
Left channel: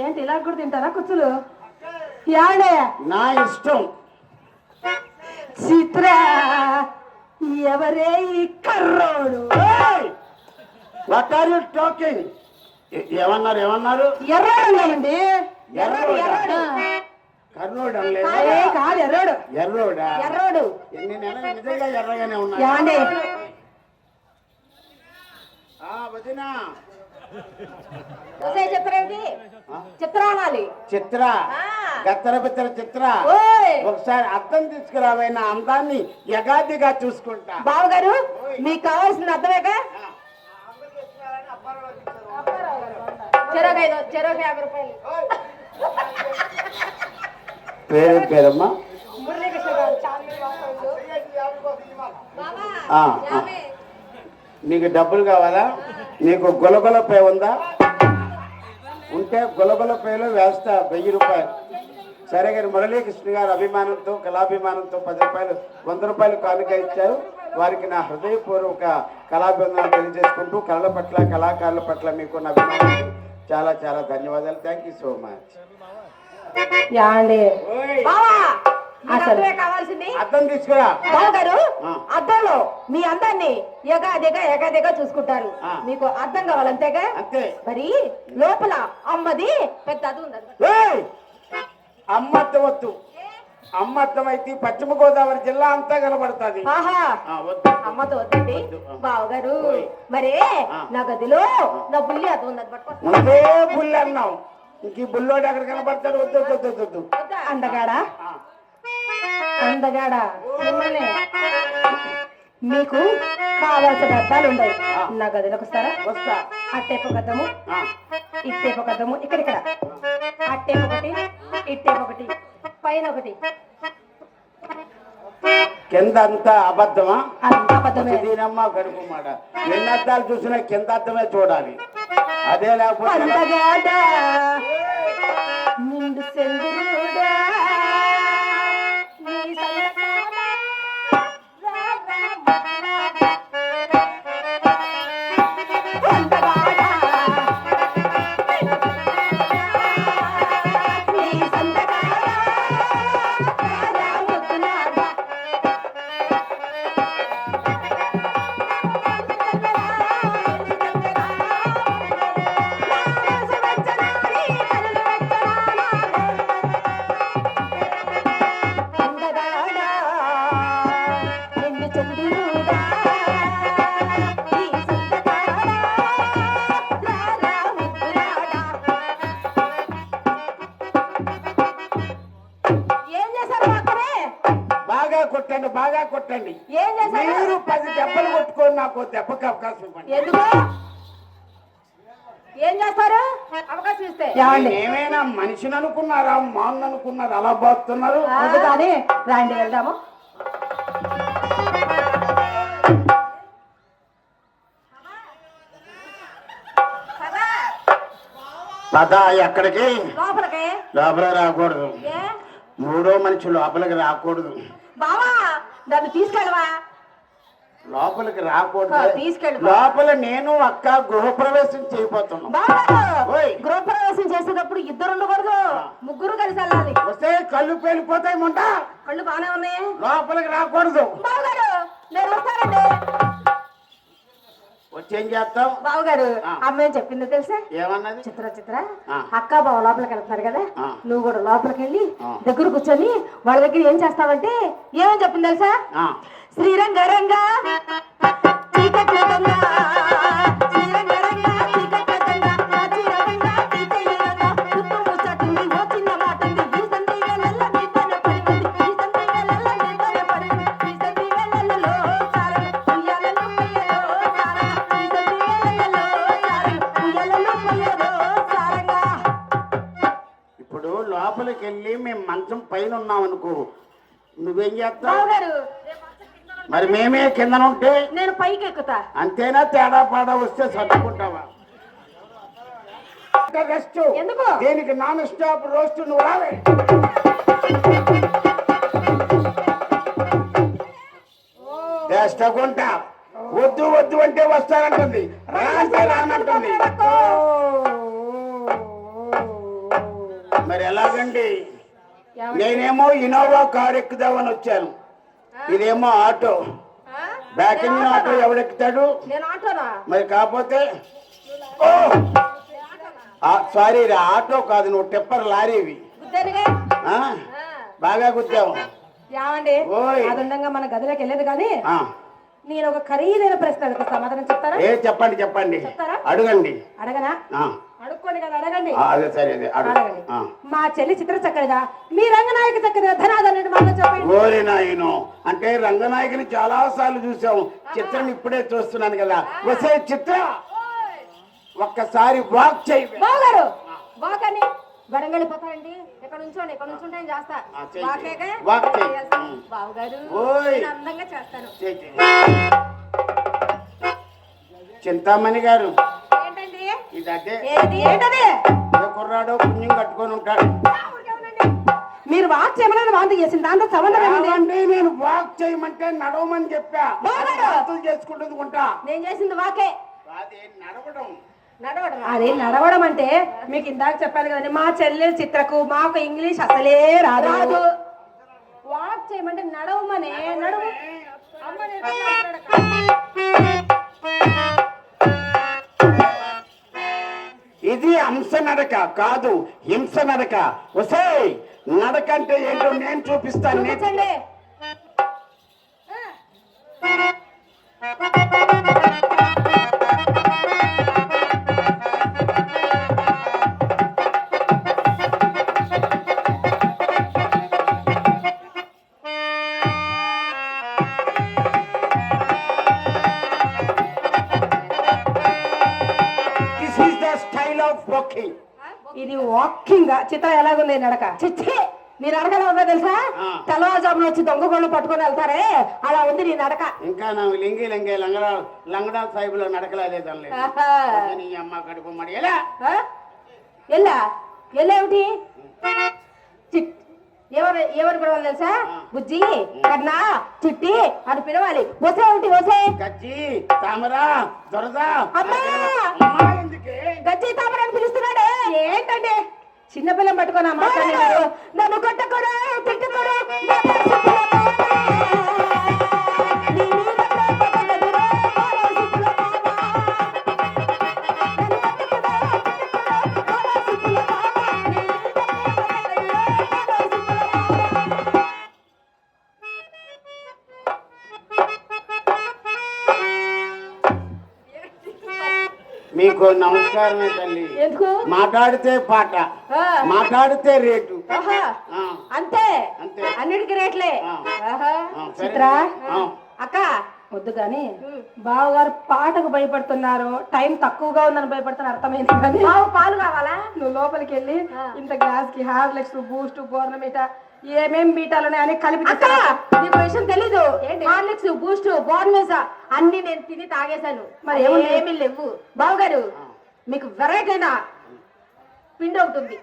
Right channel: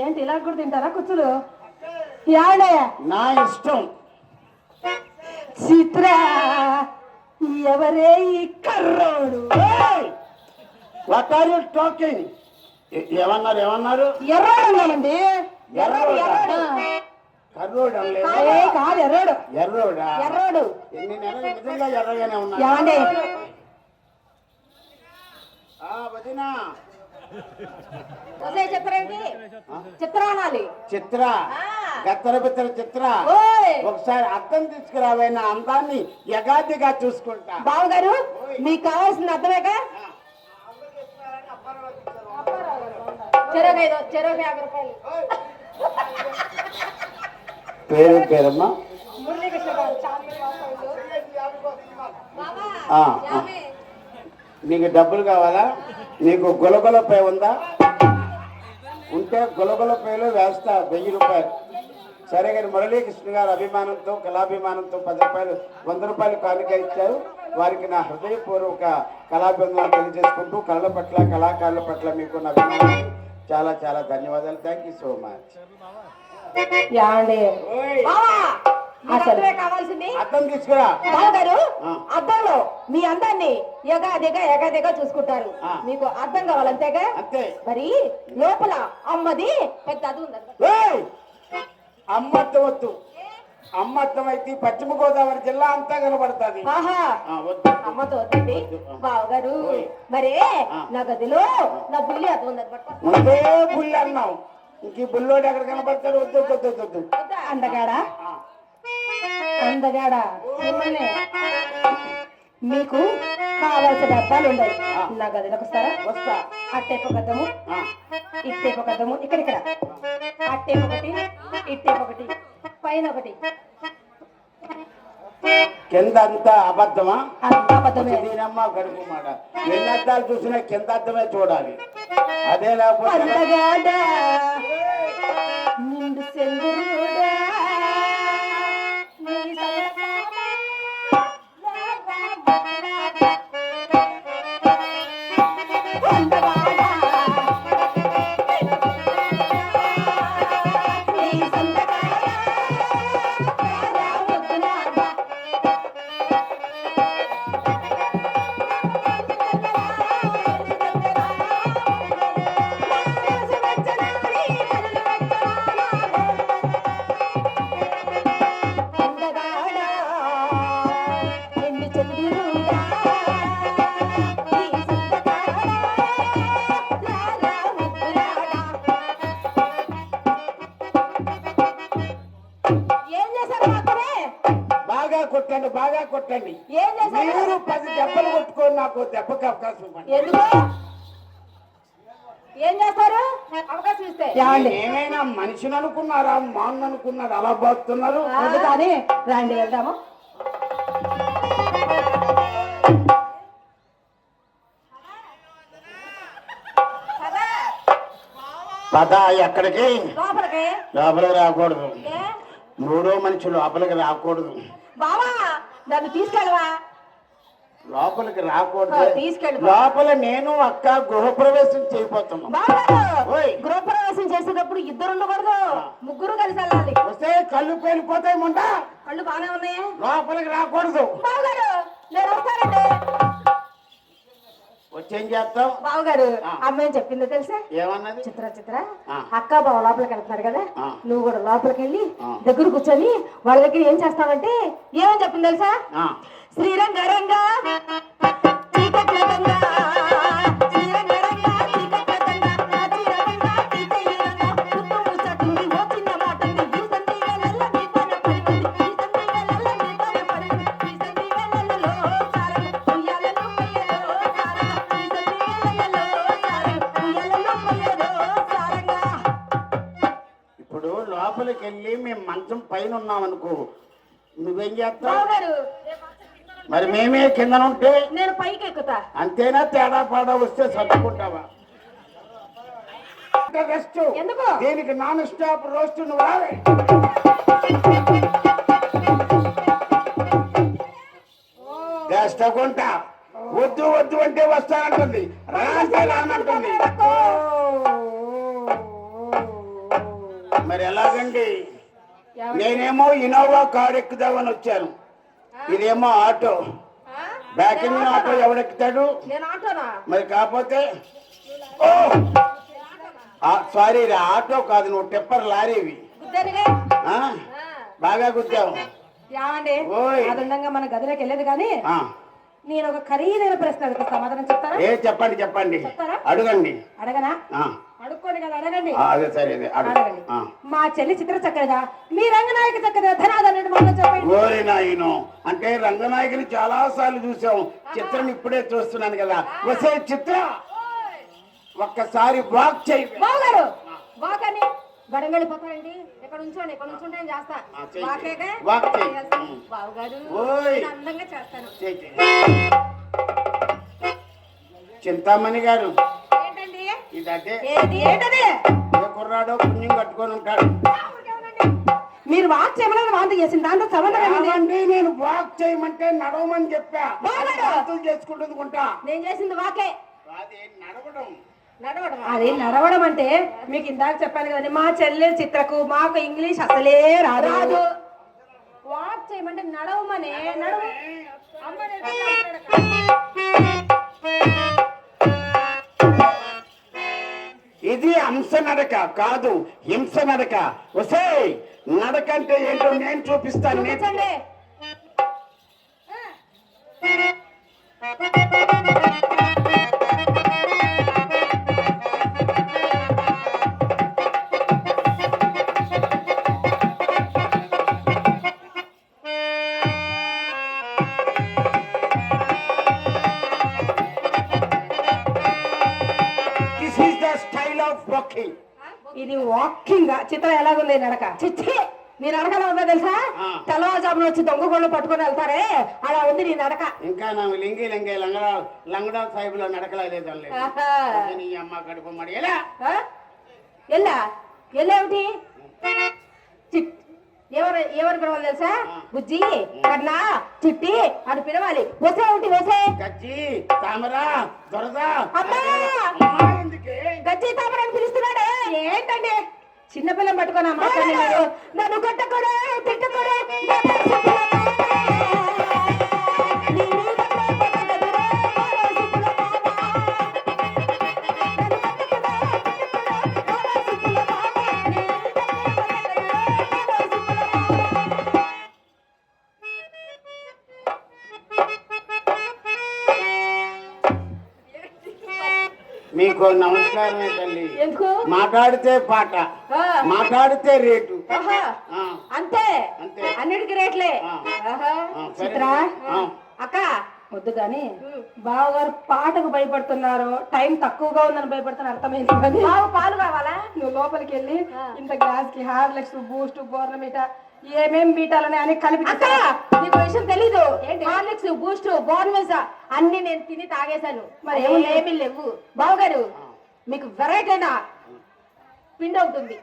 ఏంటి ఇలా కూడా తింటారా కుచ్చులు? ఏమండే నా ఇష్టం. చిత్ర ఎవరే ఈ కర్రోడు? What are you talking? ఏమన్నారు ఏమన్నారు? ఎర్రాడు. ఎర్రోడా? ఎర్రాడు. కర్రోడు ఏ అనలేదు. కాదు ఎర్రాడు. ఎర్రోడా? ఎర్రాడు. ఎన్ని నెలలు నిజంగా ఎర్రగానే ఉన్నా. ఏమండి వదినా. చిత్రానికి చిత్ర అనాలి. చిత్ర, గత్తర బిత్తర చిత్ర, ఓయ్ ఒకసారి అర్థం తీసుకురావైన అందాన్ని యగాదిగా చూసుకుంటా. బావగారు మీకు కావాల్సిన అర్థమేగా? చెరొక 50 రూపాయలు. పేరు పేరమ్మా? మురళీకృష్ణ గారు చాందిని వాస్తవ్యులు. నీకు డబ్బులు కావాలా? నీకు గులగుల పై ఉందా? ఉంటే గులగుల పేలు వేస్తా 1000 రూపాయలు. సరే గారు మురళీకృష్ణ గారు అభిమానంతో కళాభిమానంతో 10 రూపాయలు 100 రూపాయలు కానుక ఇచ్చారు. వారికి నా హృదయపూర్వక కళాభిమానాలు తెలియజేసుకుంటూ కళల పట్ల కళాకారుల పట్ల మీకున్న అభిమానానికి చాలా చాలా ధన్యవాదాలు. Thank you so much. యాండి ఓయ్, అసలు కావాల్సింది అర్థం తీసుకురా. బావగారు ఆ. అద్దంలో మీ అందాన్ని ఎగాదిగా చూసుకుంటారు. ఆ. మీకు అద్దం కావాలి అంతేగా? అంతే. మరి లోపల అమ్మది పెద్ద అది ఉంది. ఏయ్! అమ్మత్తం వద్దు. అమ్మత్తం అయితే పశ్చిమ గోదావరి జిల్లా అంతా కనబడుతుంది. ఆహా వద్దు. అమ్మతో వద్దండి వద్దు. బావగారు. ఓయ్. మరే ఆ. నా గదిలో నా బుల్లి అది ఉంది, అది పట్టుకో. ముందే బుల్లి అన్నావు, ఇంక ఈ బుల్లోడు ఎక్కడ కనబడతాడు? వద్దు వద్దు వద్దు వద్దు. వద్దా? అందగాడా ఆ. అందగాడా మిమ్మల్ని మీకు కావాల్సిన అద్దాలు ఉన్నాయి. ఆ. నా గదిలోకి వస్తారా? వస్తా. అట్టేపు గద్దము, ఆ. ఇట్టేపు గద్దము, ఇక్కడ అట్టేపు ఒకటి, ఇట్టేపు ఒకటి, పైన ఒకటి. కింద అంతా అబద్ధమా? అంతా అబద్ధమే. దీనమ్మ గడుపు మాట. ఎన్ని అద్దాలు చూసినా కింద అద్దమే చూడాలి. అదే లేకపోతే అందగాడా నిండు సెందురుడా నీ సల్లగాడా అందగాడా నీ సందగాడా ముద్దులాడా అందగాడా నిన్ను చంద్రుడా నీ సందగాడా లాలా ముద్దులాడా. ఏం చేశారు మాత్రమే? బాగా కొట్టండి, బాగా కొట్టండి. ఏం చేశారు? మీరు 10 దెబ్బలు కొట్టుకొని నాకు దెబ్బకి అవకాశం ఇవ్వండి. ఎందుకు? ఏం చేస్తారు అవకాశం ఇస్తే? ఏమండి ఏమైనా మనిషిని అనుకున్నారా, మాను అనుకున్నారా? అలా పోతున్నారు. వద్దు కానీ రాండి వెళ్దాము. పద ఎక్కడికి? లోపలికి. లోపలికి రాకూడదు. ఏ? మూడో మనిషి లోపలికి రాకూడదు. బావా నన్ను తీసుకెళ్ళవా? లోపలికి రాకూడదు. తీసుకెళ్ళు. లోపల నేను అక్క గృహప్రవేశం చేయబోతున్నాం. బావా ఓయ్. గృహప్రవేశం చేసేటప్పుడు ఇద్దరు ఉండకూడదు, ముగ్గురు కలిసి వెళ్ళాలి. వస్తే కళ్ళు పేలిపోతాయి ముంట. కళ్ళు బాగానే ఉన్నాయి. లోపలికి రాకూడదు. బావగారు నేను వస్తానండి. వచ్చి ఏం చేస్తావు? బావగారు ఆ. అమ్మాయి చెప్పిందో తెలుసా? ఏమన్నది? చిత్ర ఆ. అక్క బావ లోపలికి వెళ్తున్నారు కదా, ఆ. నువ్వు కూడా లోపలికి వెళ్ళి ఆ. దగ్గర కూర్చొని వాళ్ళ దగ్గర ఏం చేస్తావంటే ఏమని చెప్పింది తెలుసా? ఆ. శ్రీరంగరంగ చీకటి రంగ, శ్రీరంగరంగ చీకటి రంగ, చీరంగ చీకటి రంగ, చుట్టూ ముచ్చటుంది ఓ చిన్న మాటుంది, ఈ సంధి వేళల్లో నీ పైన పడుతుంది, ఈ సంధి వేళల్లో నీ పైన పడుతుంది, ఈ సంధి వేళల్లో సారలు ఉయ్యాలలో పొయ్యలో సారంగా, ఈ సంధి వేళల్లో సారలు ఉయ్యాలలో పొయ్యలో సారంగా. ఇప్పుడు లోపలికి వెళ్ళి మేము మంచం పైన ఉన్నాం అనుకో, నువ్వేం చేస్తావు? బావగారు మరి మేమే కింద ఉంటే నేను పైకి ఎక్కుతా. అంతేనా? తేడా పాడా వస్తే సర్దుకుంటావా? రెస్ట్. ఎందుకు? దీనికి నాన్ స్టాప్ రోస్ట్. నువ్వు రావే. చేస్తాకుంటా. వద్దు వద్దు అంటే వస్తానంటుంది, రానంటే రానంటుంది. మరి ఎలాగండి? నేనేమో ఇన్నోవా కారు ఎక్కుదామని వచ్చాను, ఇదేమో ఆటో. బ్యాక్ ఇంజిన్ ఆటో ఎవడెక్కుతాడు? నేను ఆటోనా? మరి కాకపోతే సారీ రా, ఆటో కాదు, నువ్వు టిప్పర్ లారీవి. గుద్దరిగా. ఆ? బాగా గుద్దావు. యావండి ఓయ్. అదుండంగా మన గదిలోకి వెళ్ళేది కానీ ఆ. నేను ఒక ఖరీదైన ప్రశ్న అడుగుతా, సమాధానం చెప్తారా? చెప్పండి చెప్పండి, చెప్తారా? అడగండి. అడగనా? ఆ. అడుక్కోండి కదా, అడగండి. అదే సరే, అదే అడుగు. అడగండి. ఆ. మా చెల్లి చిత్ర చక్కనిదా, మీ రంగనాయక చక్కనిదా, ధనాదన్నట్టు మనం చెప్పండి. ఓరి నాయను, అంటే రంగనాయకుని చాలా సార్లు చూసాం, చిత్రం ఇప్పుడే చూస్తున్నాను కదా. వసే చిత్ర, ఒక్కసారి వాక్ చేయి. బావగారు బాగాని వరంగళ్ళిపోతారండి. ఇక్కడ ఉంచోండి, ఇక్కడ ఉంచుంటే నేను చేస్తా. ఆ, చెయ్యి. వాకేగా? వాక్ చెయ్యి. చేస్తా. బావగారు ఓయ్. నేను అందంగా చేస్తాను. చేయి, చేయి. చింతామణి గారు, ఏంటండి? ఇది అదే ఏంటది? కుర్రాడో పుణ్యం కట్టుకొని ఉంటాడు. మీరు వాక్ చేయమని వాంతి చేసింది దాంతో సంబంధం ఏముంది? ఏమండి, నేను వాక్ చేయమంటే నడవమని చెప్పా. బాగాడు. వాంతులు చేసుకుంటుంది గుంటా. నేను చేసింది వాకే. అదే నడవడం. అది నడవడం అంటే మీకు ఇందాక చెప్పాను కదండి, మా చెల్లెలు చిత్రకు మాకు ఇంగ్లీష్ అసలే రాదు. వాక్ చేయమంటే నడవమనే నడువు. అమ్మ ఇది హంస నడక కాదు, హింస నడక. వసే నడక అంటే ఏంటో నేను చూపిస్తాను. చూపించండి. This is the style of walking. ఇది వాకింగ్. చిత్రం ఎలాగుంది నడక? చిచ్చి నీ నడక ఎలా ఉందో తెలుసా? ఆ. తెల్లవారుజామున వచ్చి దొంగ గొళ్ళు పట్టుకొని వెళ్తారే అలా ఉంది నీ నడక. ఇంకా నాకు లింగి లింగి లంగడా సాహిబులో నడకలేదని లేదు. ఆహా. నీ అమ్మ కడుపు మడి ఎలా ఆ? ఎల్లా ఎల్లేమిటి? ఎవరు పిలవాలి తెలుసా? బుజ్జి, కన్నా, చిట్టి అని పిలవాలి. వసే ఒకటి వసే. గజ్జి తామరా దొరద. అమ్మా! అమ్మా ఎందుకే? గజ్జి తామర అని పిలుస్తున్నాడే ఏంటండి? చిన్నపిల్లం పట్టుకొని అమ్మ నన్ను కొట్టకూడా తిట్టకూడా మీకు నమస్కారమే తల్లి. ఎందుకు? మాట్లాడితే పాట, ఆ. మాట్లాడితే రేటు. ఆహా. ఆ. అంతే అంతే. అన్నిటికీ రేట్లే. ఆ. ఆహా. ఆ, సరే. చిత్ర ఆ. అక్క వద్దు కానీ బావగారు పాటకు భయపడుతున్నారు, టైం తక్కువగా ఉందని భయపడుతున్నారు అర్థమైంది కానీ పాలు కావాలా? నువ్వు లోపలికి వెళ్ళి ఇంత గ్లాస్ కి హార్లిక్స్ బూస్ట్ బోర్నమీట ఏమేం బీటాలని అని కలిపి నీకు విషయం తెలీదు. హార్లిక్స్ బూస్ట్ బోర్నమీసా అన్ని నేను తిని తాగేశాను. మరి ఏమీ లేవు. బావగారు మీకు వెరైటీ అయినా పిండి అవుతుంది.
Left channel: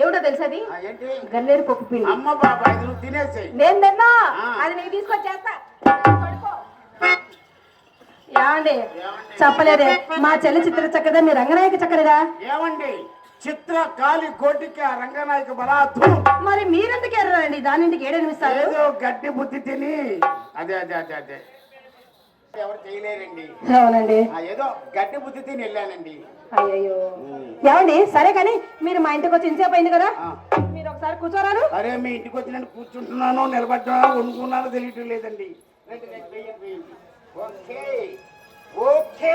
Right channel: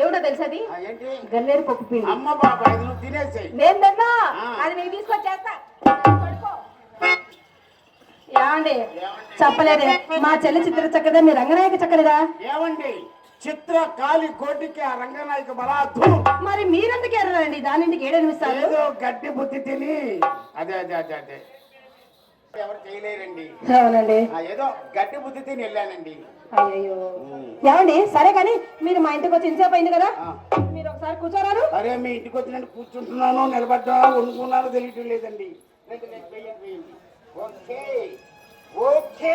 ఏమిటో తెలుసా? అది ఆ, ఏంటి? గన్నేరు పప్పు పిండి. అమ్మ బాబా ఇది నువ్వు తినేసేయ్. నేను తిన్నా. ఆ. అది నీకు తీసుకొచ్చేస్తా. పడుకో. ఏమండి చెప్పలేదే మా చెల్లి చిత్ర చక్కదా మీ రంగనాయక చక్కదా? ఏమండి చిత్ర కాలి కోటికి ఆ రంగనాయక బలాదు. మరి మీరెందుకు ఎర్రండి దానింటికి ఏడనిపిస్తారు? ఏదో గడ్డి బుద్ధి తిని అదే అదే అదే అదే ఎవరు చేయలేరండి. అవునండి. ఏదో గడ్డి బుద్ధి తిని వెళ్ళానండి. అయ్యో ఏమండి సరే కానీ మీరు మా ఇంటికి వచ్చి ఇంతసేపు అయింది కదా, మీరు ఒకసారి కూర్చోరారు? అరే మీ ఇంటికి వచ్చినట్టు కూర్చుంటున్నాను, నిలబడ్డాను, వండుకున్నాను తెలియటం లేదండి. రండి, రండి, వేయండి, వేయండి. Okay okay.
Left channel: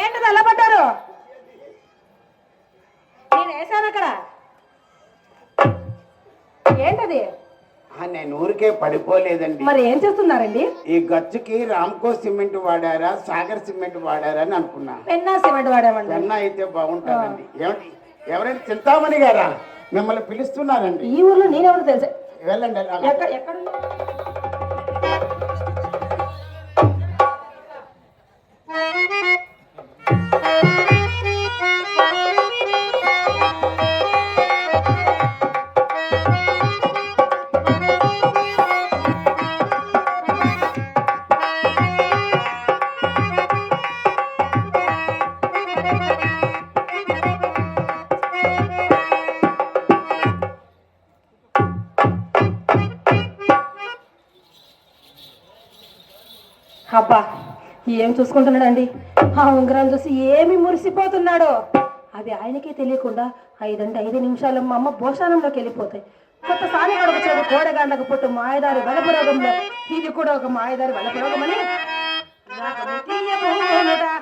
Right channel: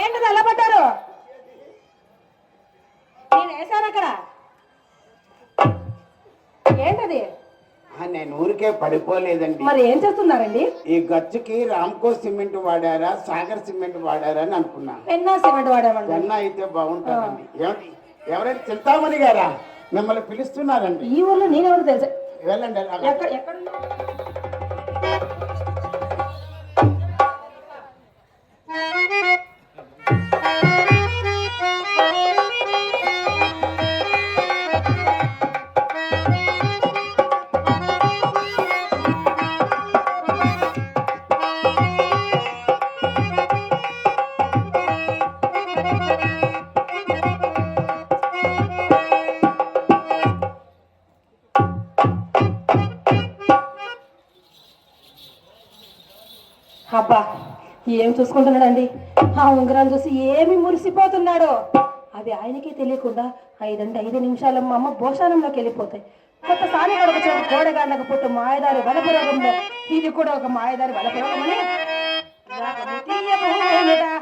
ఏంటది అలా పడ్డారు? నేను వేసాను అక్కడ. ఏంటది? నేను ఊరికే పడిపోలేదండి. మరి ఏం చేస్తున్నారండి? ఈ గచ్చుకి రామ్కో సిమెంట్ వాడారా సాగర్ సిమెంట్ వాడారా అని అనుకున్నా. పెన్నా సిమెంట్ వాడామండి. పెన్నా అయితే బాగుంటుందండి. ఏమండి ఎవరైనా చింతామణి గారా మిమ్మల్ని పిలుస్తున్నారండి. ఈ ఊర్లో నేనెవరు తెలుసా? వెళ్ళండి అలాగా. ఎక్కడ అబ్బా ఏం చూసుకుంటున్నాడండి? ఆ ఉంగరాలు చూసి ఏమి మురిసిపోతున్నాడో. అది ఆయనకే తెలియకుండా 5 నిమిషాలు మా అమ్మ భోషానంలోకి వెళ్ళిపోతాయి. కొత్తసారి అడుగుతుంది కోడగాండకు పుట్టు మాయదారి వలపురోగంలో ఇది కూడా ఒక మాయదారి వలపురోగమని రాగము తీయబోనుడా,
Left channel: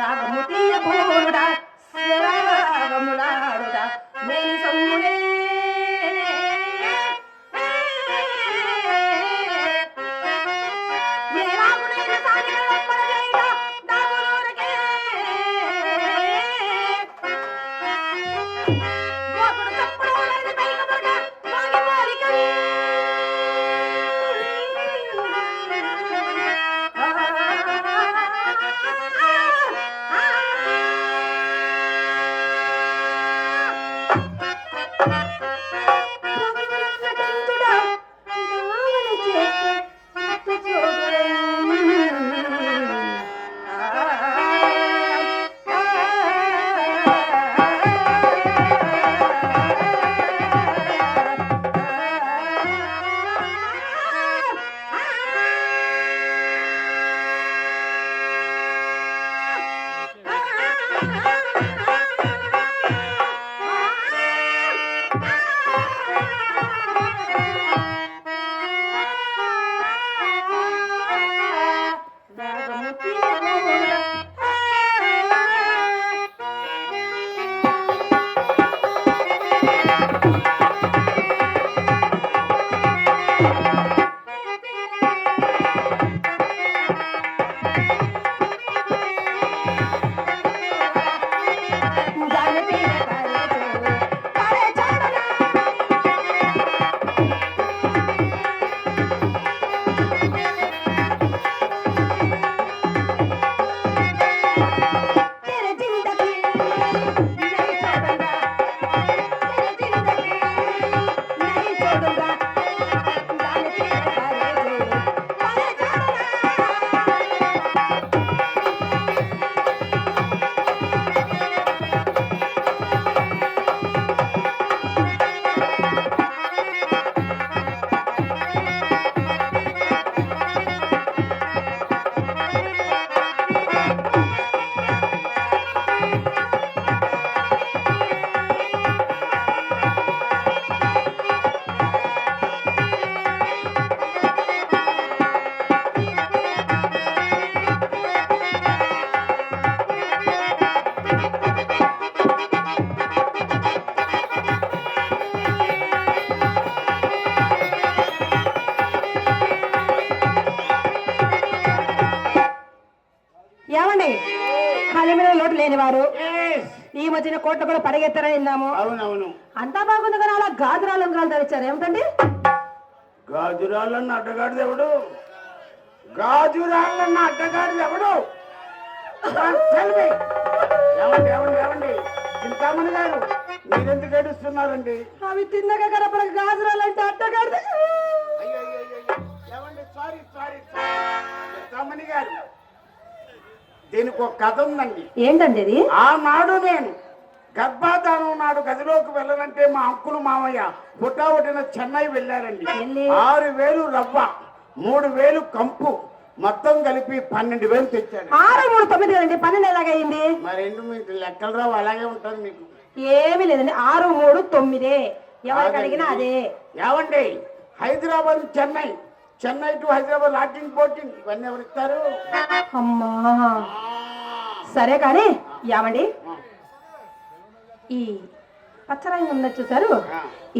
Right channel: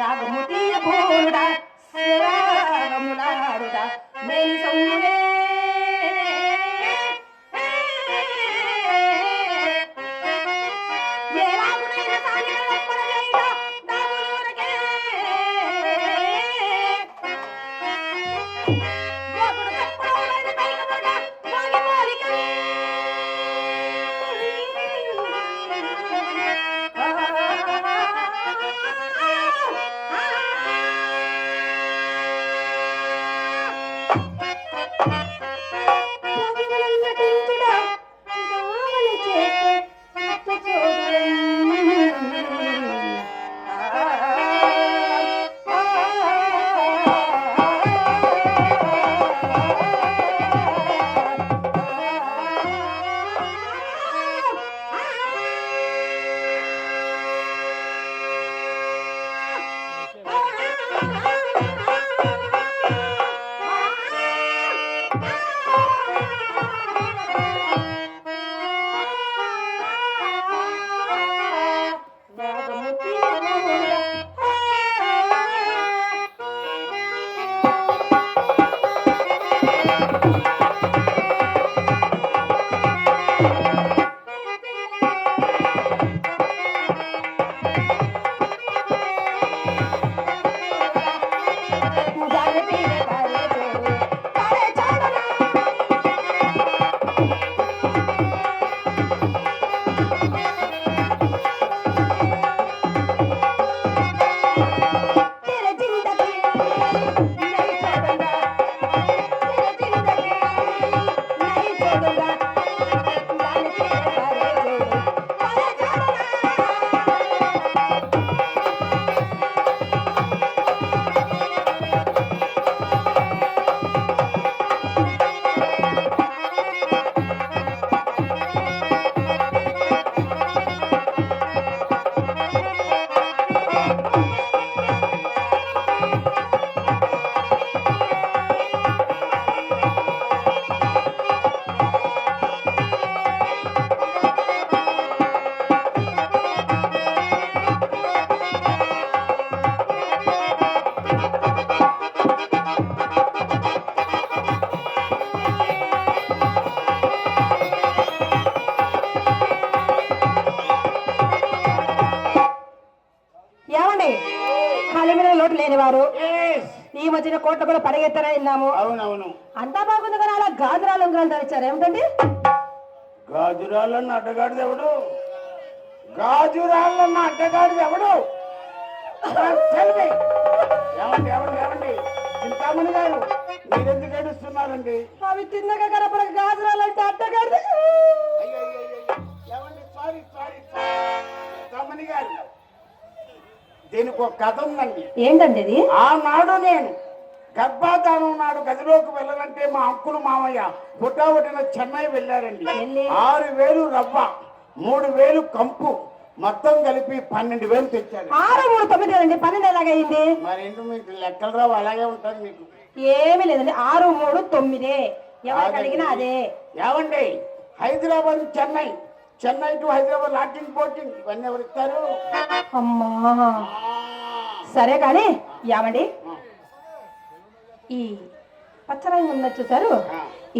రాగము తీయబోనుడా, రాగములాడుడా, మేలు సమ్మునే. కలిమిన లోటు లేనివారు Yes. ఈ మధ్యన కోట్ల కూడా పడగెత్తారని విన్నాము. అవునవును. అంతా బాగుంది కానీ అలా గాజురాలు ఉంగరాలు ధరించారు ఏమిటండి? గాజురాళ్ళన్న అడ్డగాడిది ఎవడు? గాజురాళ్ళన్న అడ్డగాడిది ఎవడు? Tell me. ఏమండి ఏమండి ఏమండి చింతామణి గారు మీరెందుకు ఏడుస్తున్నారండి? అవి తిన్నక కనపడ గాజురాలు అంటే అడ్డగాడిది. అయ్యో అయ్యో అయ్యో ఏమండి సారీ సారీ చింతామణి గారు దీనికి ఒక కథ ఉందండి. ఏంటండి ఇది? ఆనాడు నేను గర్భాధానం నాడు గదిలోకి వెళ్ళనంటే మా అంకులు మామయ్య పుట్టిన చెన్నై వెళ్ళారండి. వెళ్ళి? 6,000 రవ్వ 3,000 కంపు మొత్తం కలిపి 12,000 తెచ్చాడు. 6, 3, 9 కదండి, 12 ఎలాగైంది? మరెండు మీకు లెక్కలు రావు, అలాగే ఉంటుంది మీకు. ఏమీ లేదండి, 6, 3, 9 ఎవరికి అడిగినా అదే. ఏమండి హైదరాబాద్ చెన్నై, చెన్నై టు హైదరాబాద్ లాటింగ్ పోటింగ్ ఇవన్నీ ఎవరు ఇస్తారు? అమ్మా సరే కానీ ఏమండి ఈ పచ్చరంగు ఉన్నది చూసారు,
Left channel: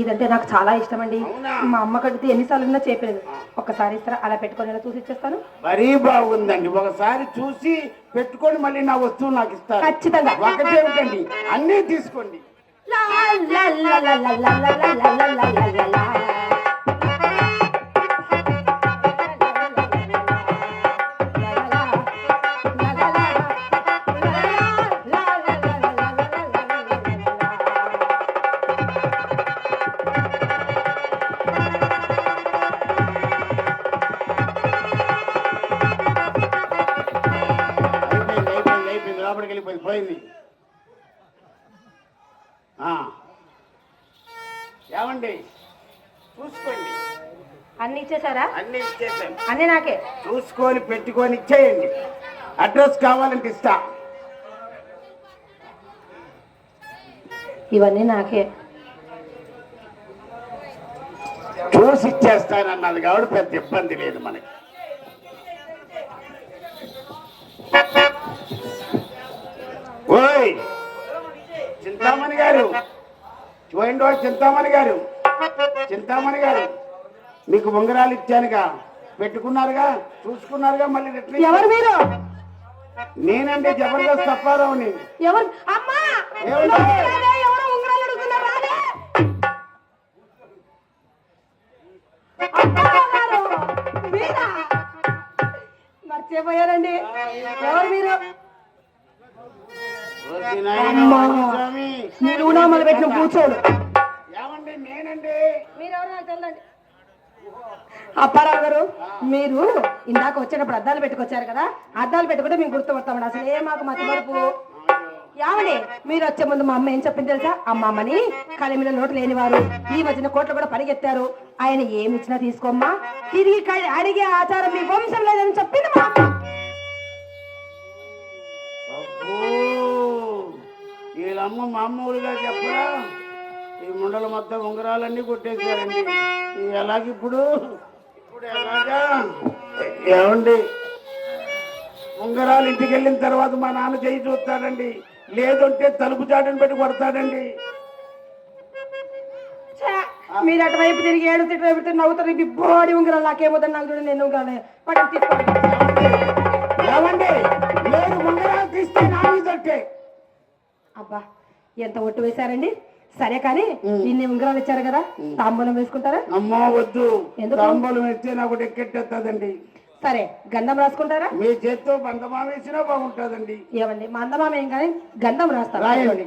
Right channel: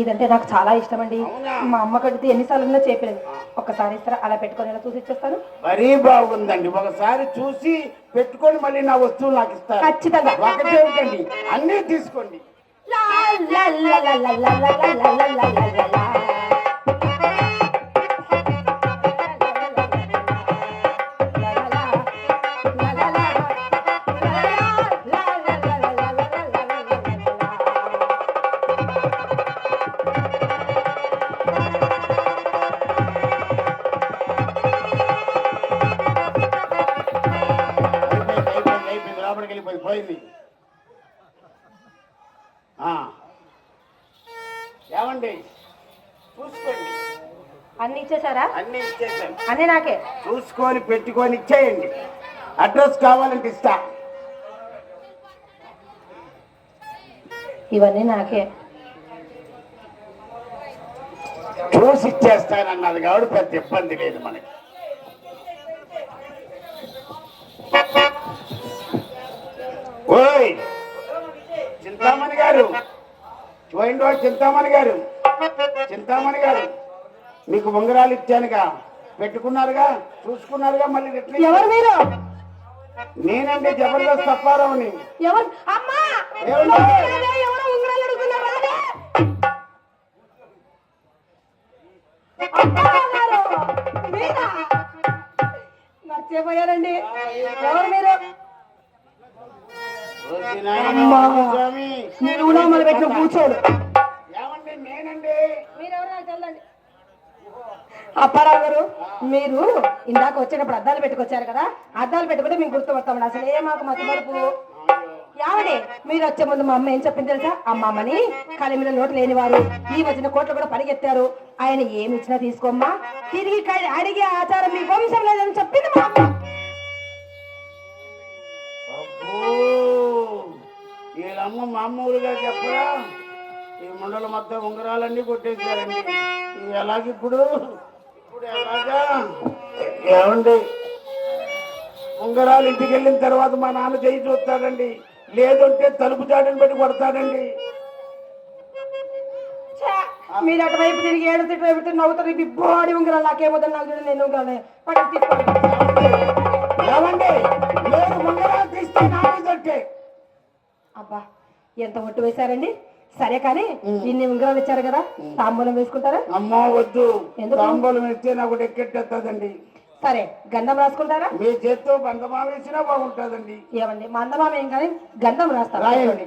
ఇదంటే నాకు చాలా ఇష్టం అండి. అవునా? మా అమ్మ కడితే ఎన్నిసార్లు చెప్పలేదు. ఒక్కసారి ఇస్తారా? అలా పెట్టుకొని ఇలా చూసి ఇచ్చేస్తాను. మరీ బాగుందండి, ఒకసారి చూసి పెట్టుకొని మళ్ళీ నా వస్తువు నాకు ఇస్తారు. ఖచ్చితంగా. ఒకటేమిటండి అన్నీ తీసుకోండి. లా, లా, లా, లా, లా, లా, లా, లా, లా, లా, లా, లా, లా. అయిపోయింది లోపలికి వెళ్ళిపోయింది పోయింది. ఏమండి చూసుకోండి, అన్ని ఇచ్చేసారా? అన్ని ఇచ్చేసాను. అన్ని నాకే. చూసుకొని పెట్టుకొని ఇచ్చేయండి. అడ్రస్ కావాలంటే ఇస్తా. ఇవన్నీ నాకే. చూసి ఇచ్చేస్తానన్నది కాబట్టి పెద్ద ఇబ్బంది లేదు మనకి. ఓయ్ చింతామణి గారు, చూడండి చింతామణి గారు, చింతామణి గారు మీకు ఉంగరాలు ఇచ్చానుగా, పెట్టుకున్నారుగా, చూసుకున్నారుగా, మళ్ళీ రిటర్న్. ఎవరు మీరు? నేనండి జబర్దస్త్ అప్పారావుని. ఎవరు? అమ్మా ఏమండి? ఎవరో ఉంగరాలు అడుగుతున్నారు, రాలే. మీరా? మర్చిపోయారండి. ఎవరు మీరు? ఓసి నాయనా, స్వామి. నిలువునామలు పెట్టిన కూర్చోడు. ఏమండి నేనండి. అప్పారావు గారు, మీరు ఇందాక వచ్చేటప్పుడు అద్దాలు పెట్టుకొచ్చారు కదా, అద్దాలు పెట్టుకుంటే మేము గుర్తుపడతామండి. అసలు ఏ మాకు మతిమరుపు. యావని మీరు వచ్చే ముందు మా అమ్మ ఏం చెప్పింది తెలుసా? అమ్మమ్మని కలిమిన నోటు లేనివారు ఈ మధ్యన కోట్లు కూడా పరిగెత్తారు, ఆయన ఏమి ఇచ్చినా తీసుకోమ్మా, తిరిగి అడిగే ఆచారం మీ వంశం లేదని చెప్పింది మా అమ్మ. వీళ్ళమ్మ మామూలుగా చెప్పరా, ఈ ముండల మొత్తం ఉంగరాలన్నీ కొట్టేశారండి. ఎలాగిప్పుడు ఎలాగా? ఏమండి ఉంగరాలు ఇంటికి వెళ్ళిన తర్వాత మా నాన్న చేయి చూస్తాడండి, లేదంటే తలుపు చాటుని పెట్టి కొడతాడండి. మీరు అటువైపు తిరిగి ఏడు తిట్టు పెట్టి నవ్వుతారు. ఇది బోడి ఉంగరాలు నాకేమోదని నాకు చూడండి, నేను ఉంగరాలు పక్కన తీసుకోండి. ఏమండి నేను ఉంగరాలు తీస్తే నా మీదంటే. అబ్బా ఎంత ఒట్టు వేశారండి. సరే కానీ ఇన్ని ఉంగరాలు ఇచ్చారు కదా, తాంబూలం వేసుకుంటారా? అమ్మా వద్దు, ఎందుకు? తాంబూలం వేస్తే నాకు ఎక్కెట్టేస్తుందండి. సరే గంధం రాసుకుంటారా? మీ చేత్తో బంధమా వేసినా బాగుంటుందండి. ఏమండి మందమామ ఏం కానీ గంధం రాస్తారా? రాయండి.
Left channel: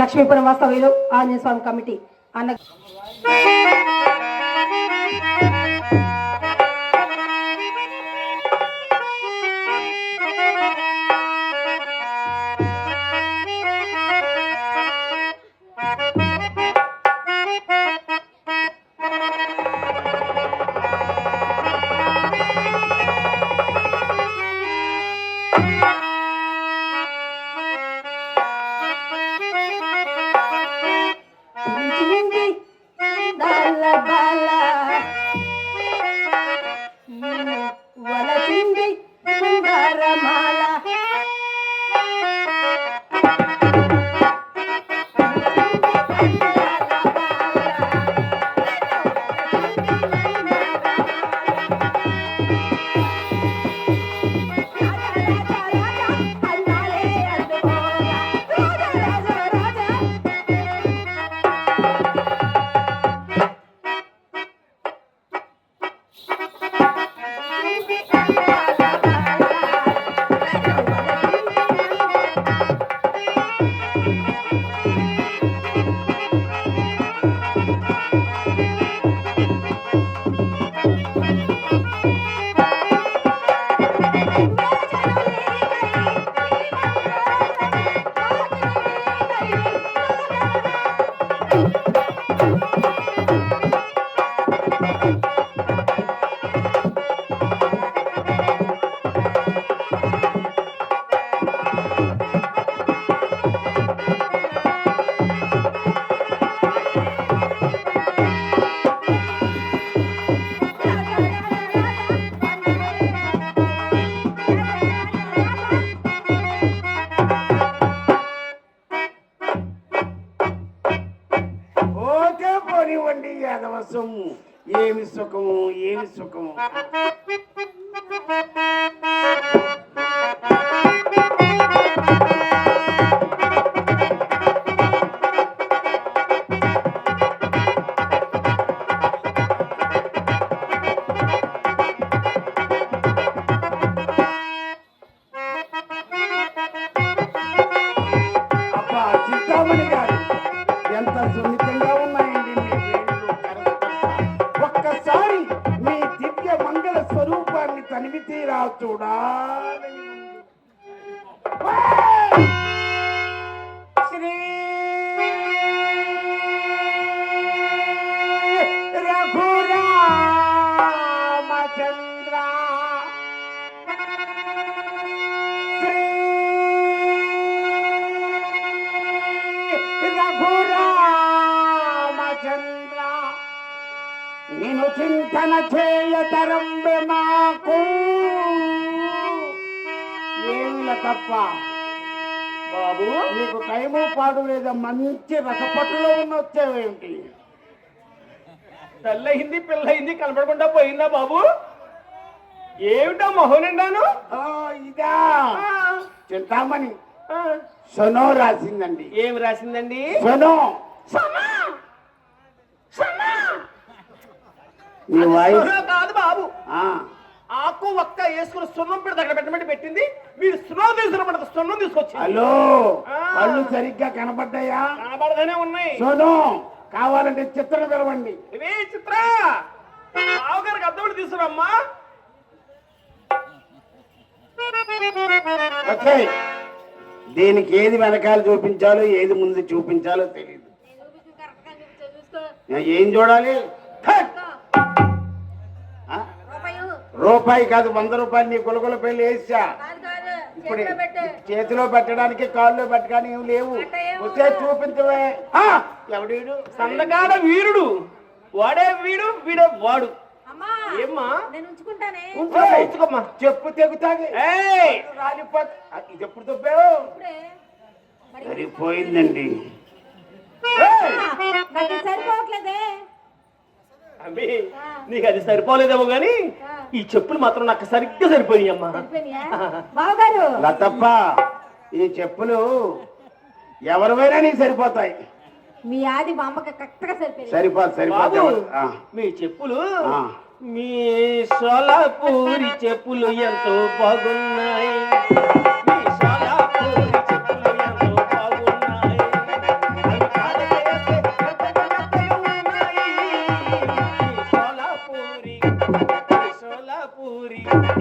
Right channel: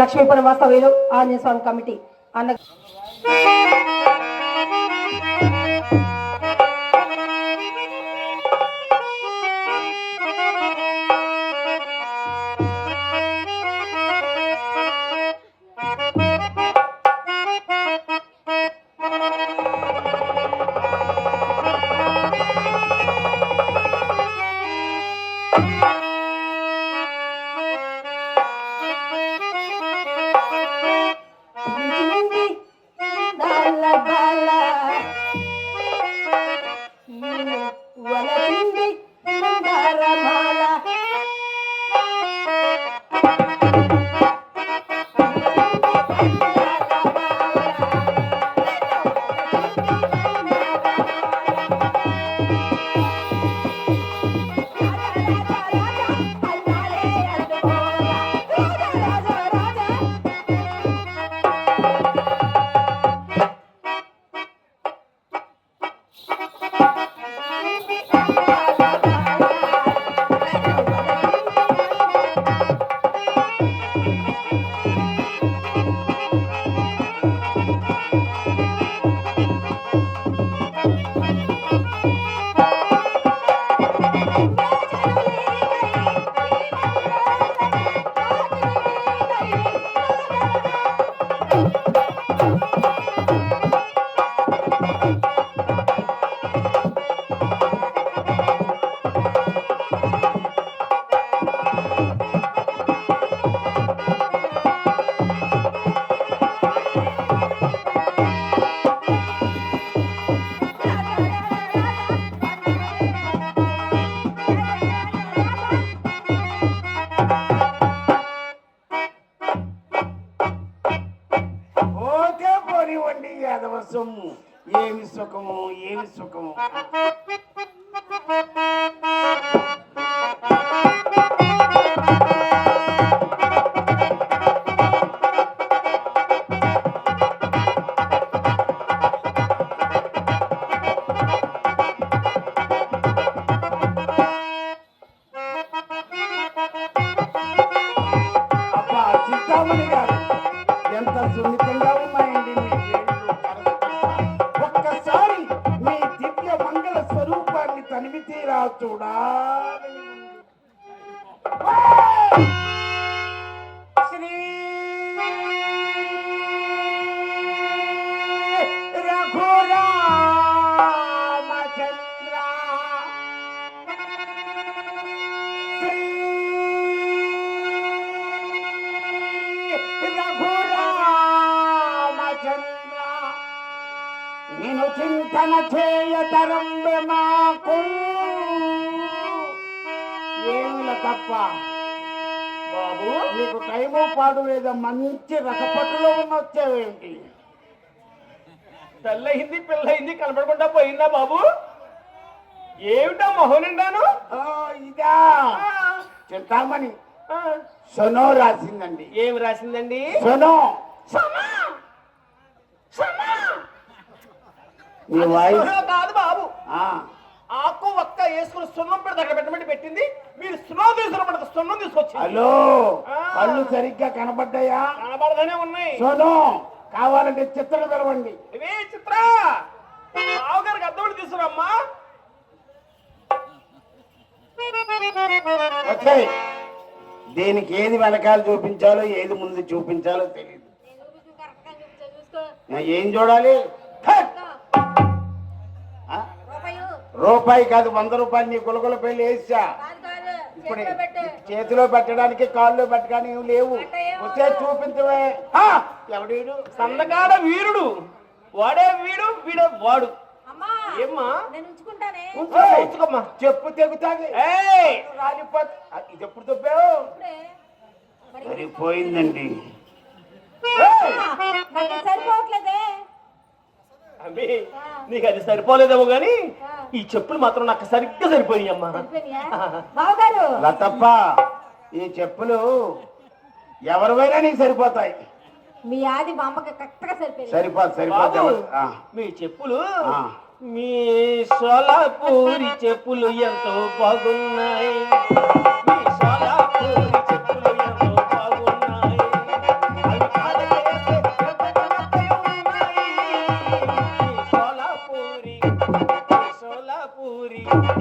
లక్ష్మీపురం వాస్తవ్యులు ఆంజనేయ స్వామి కమిటీ అన్న వలచింది బంగారమాల అబ్బా చింతామణి గారు, ఎంత సున్నితంగా ఉన్నాయండి మీ వేళ్ళు, కరస్పర్శ. ఒక్కసారి మీ దివ్య మంగళ స్వరూపాన్ని తనివి తీరా చూడాలని ఉంది. శ్రీ రఘురామచంద్ర, రఘురామచంద్ర, నిన్ను చింతన చేయతరంబె నాకు ఏమిల తప్ప. బాబు నీకు టైము పాడు లేదా, మంచి రసపట్టులో ఉన్న వచ్చేవేంటి? తెల్లయింది పిల్లయింది కనపడకుండా పోయిందా బాబు? ఏమిటా మొహం నిండాను? ఓ, ఇదా చింతామణి సొనో రాసిందండి. ఏమి రాసిందండి? సొనో. నీ వాయిస్ సున్నం కాదు బాబు, ఆ, ఆకు ఒక్క వేసుకుని సున్నం పెడితే అక్కడ పెట్టమంటే పెట్టింది. మీరు సున్నం తీసుకురమంటే సున్నం తీసుకొచ్చింది. హలో, ఆ. కళ్ళు సరిగ్గా కనబడ్డాయా? కనబడదనే ఉన్నాయి. సొనో, కావాలంటే చిత్రం తెలవండి. ఇవే చిత్ర బావగారికి అద్దముడు తీసుకురమ్మా. ఓకే, దీనికి ఏది వెనకాల చూపించాలో ఏది ముందు చూపించాలో తెలియదు. ఏం చూడాలి? హట్! ఆ? రూపాయి కాదు, 100 రూపాయలు నీ గులగుల పెళ్లి వేసా. ఇప్పుడు చేతిలో పెట్టడానికి కాళ్ళు పెట్టడానికి ఏం లేవు. వచ్చే చూపించవే. ఆ, ఎవడీడు? సన్నగాడ వీరుడు, వాడే వీడు వీడే వాడు. ఏమ్మా ఉంచుకోమ్మా. చెప్పు తెగుతాది. ఏయ్! రాలిపోతే ఇది ఎప్పుడు తప్పావు? సరిపోయిందండి. సరిపోవట్లేదే. అమ్మి, నీకు అది సరిపోలేదేమో గాని ఈ చెప్పులు మాత్రం నాకు సరిగ్గా సరిపోయి అమ్మా. బావగారు లతప్ప, ఈ చెప్పులు ఎవరివైనా నీకు సరిపోతాయి. మీ ఆది మా అమ్మకి కరెక్ట్గా సరిపోయింది. సరిపోదు బాబు, ఆ. మీ చెప్పులు ఆ. మీ సోలాపూరి చెప్పులు ఎంతో బాగున్నాయి. మీ సోలాపూరి చెప్పులు ఎంతో బాగున్నాయి. అవి కాళ్ళకేస్తే ఎంత మెత్తగా ఉన్నాయి. మీ సోలాపూరి, మీ సోలాపూరి, మీ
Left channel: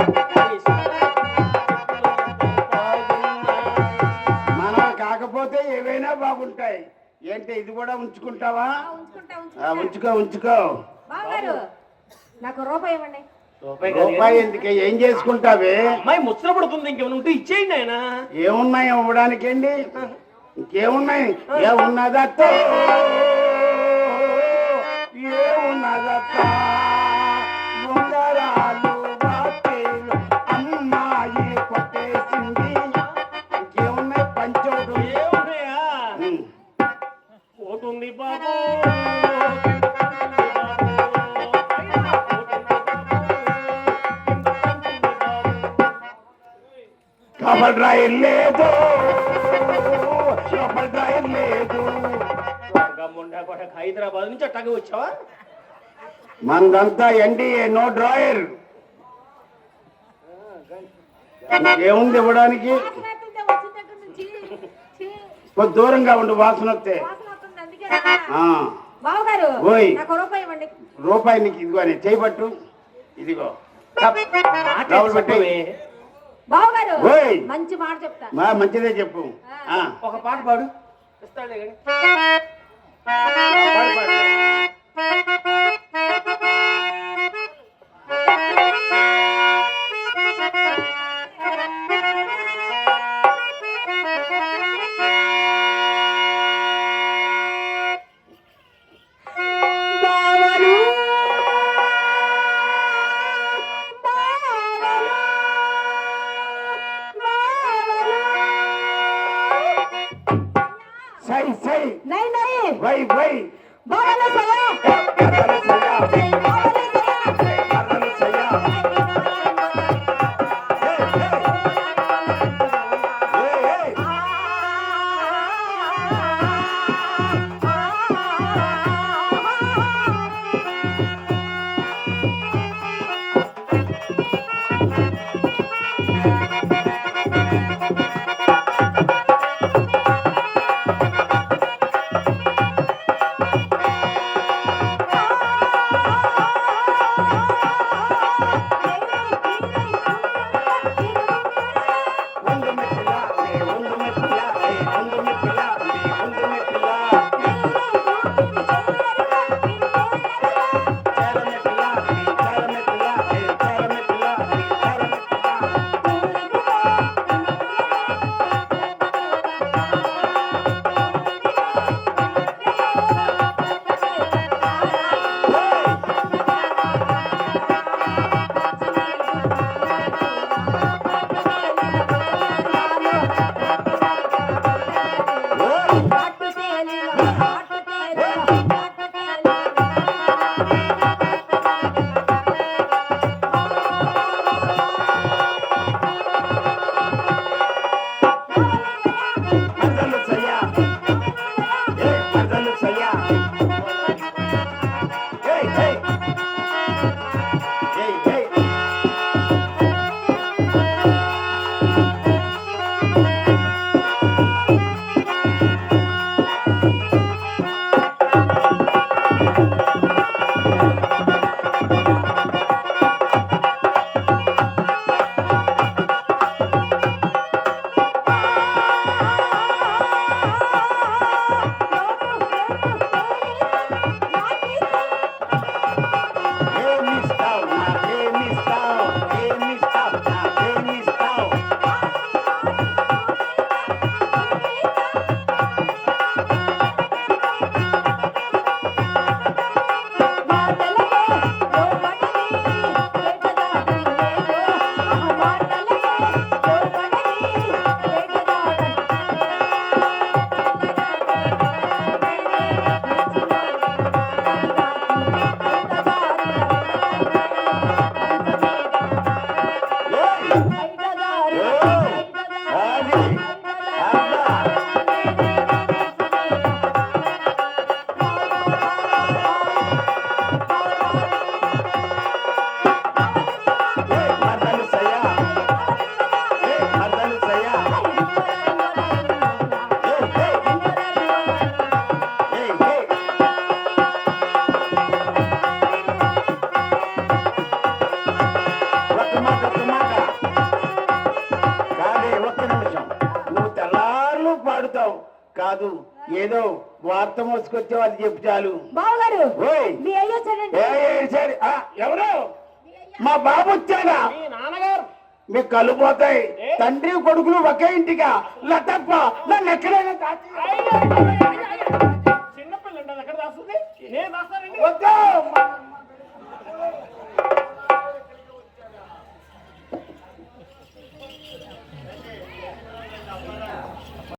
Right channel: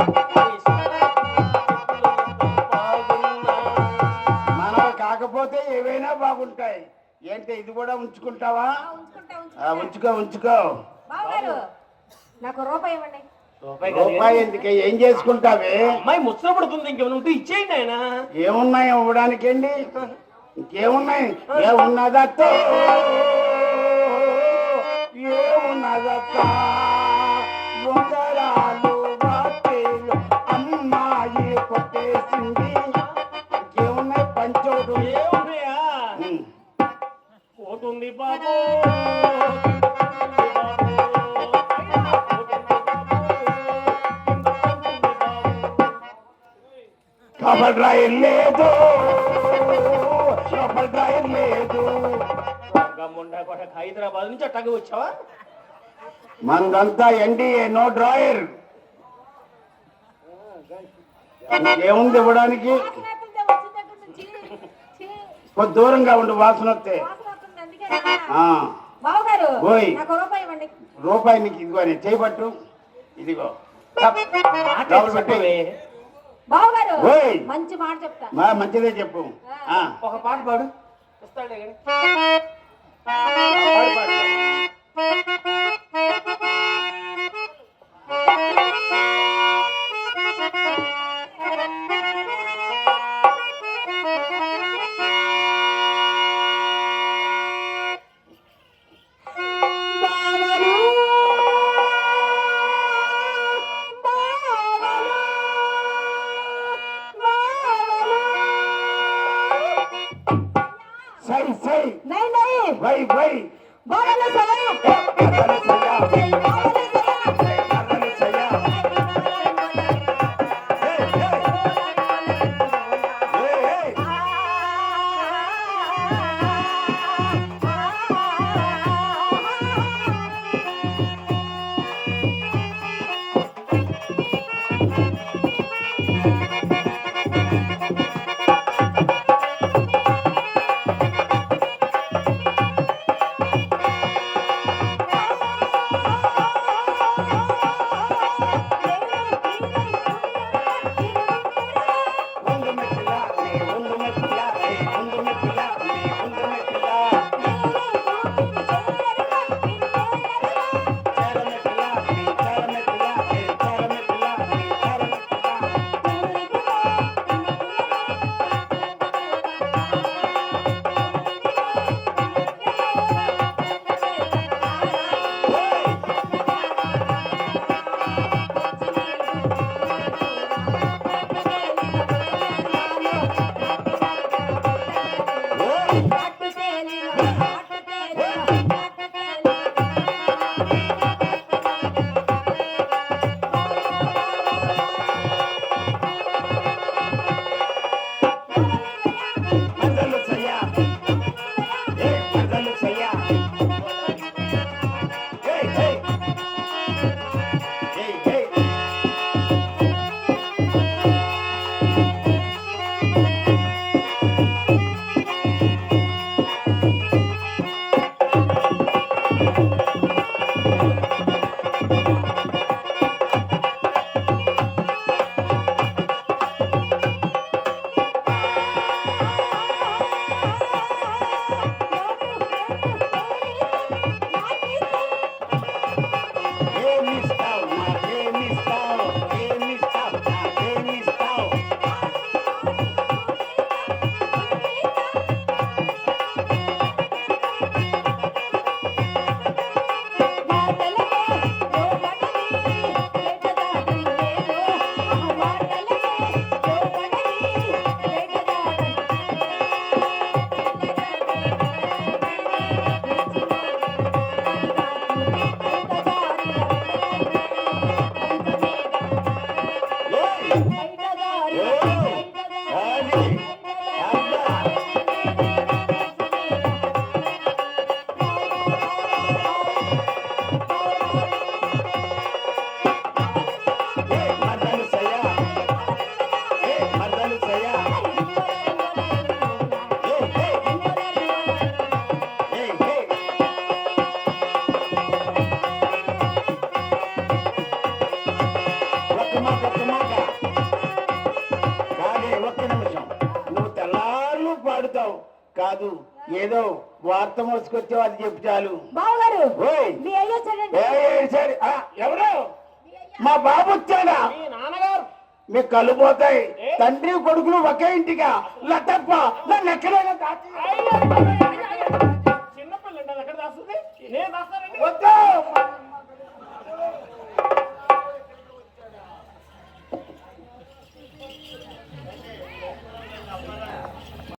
సోలాపూరి చెప్పులు ఎంతో బాగున్నాయి. మనం కాకపోతే ఏవైనా బాగుంటాయి. ఏంటి ఇది కూడా ఉంచుకుంటావా? ఉంచుకో ఉంచుకో. బావగారు నాకు రూపాయి ఇవ్వండి. రూపాయి ఎందుకే? ఏం చేసుకుంటావే? అమ్మాయి ముచ్చట పడుతుంది, ఇంకేమైనా ఉంటే ఇచ్చేయండి ఆయన. ఏమున్నాయి ఇవ్వడానికండి? ఇంకేమున్నాయి? ఏమున్నదత్తో, ఏమున్నదత్త, ఉంగరాలు వాటిలు అమ్మాయి కొట్టేసింది. ఇంకేమున్నాయి? పంచోడు. ఏమున్నాయా? ఉమ్. పోతుంది బాబు, కబల్ డ్రాయర్ లేదు, కబల్ డ్రాయర్ లేదు. హైదరాబాద్ నుంచి అట్టాగే వచ్చావా? మనదంతా ఎన్డీఏ, నో డ్రాయర్. ఏముంది ఇవ్వడానికి? వాసన వస్తుంది, వచ్చిన దగ్గర నుంచి. ఛీ, కొద్ది దూరంగా ఉండు, వాసన వస్తే. వాసన వస్తుంది, అందుకే రాదా? ఆ, బావగారు ఓయ్. నాకు రూపాయి ఇవ్వండి. రూపాయి నీకు ఇదిగో, అని చేయబట్టు. ఇదిగో డబ్బులు పెట్టి. బావగారు ఓయ్. మంచి మాట చెప్తా. మంచిదే చెప్పు. ఆ, ఒక పాట పాడు, ఇస్తాడే కానీ. పాడు పాడు. సై సై नहीं नहीं వై వై बावला सया మరలు సయ్యా, बावला सया మరలు సయ్యా. అబ్బా. మర్దలు సయ్యా. మర్దలు సయ్యా. ఒక్క మాట కాదే, ఒక్క నిమిషం. నువ్వు తెల్లారులు పాడుతావు కాదు, ఏదో వార్త మోసుకొచ్చే వాళ్ళు చెప్పు చాలు. బావగారు ఓయ్ మీ అయ్యో చూడండి సరే ఎవరు మా బాబు వచ్చాడా? మీ నాన్నగారు మీకు కళ్ళు పోతాయి. తండ్రి కొడుకులు ఒకే ఇంటిగా లతప్ప నన్ను ఎక్కడైనా దాచి చిన్నపిల్లండి అది ఎక్కడ దాస్తుంది నేను దాస్తానండి వద్దు.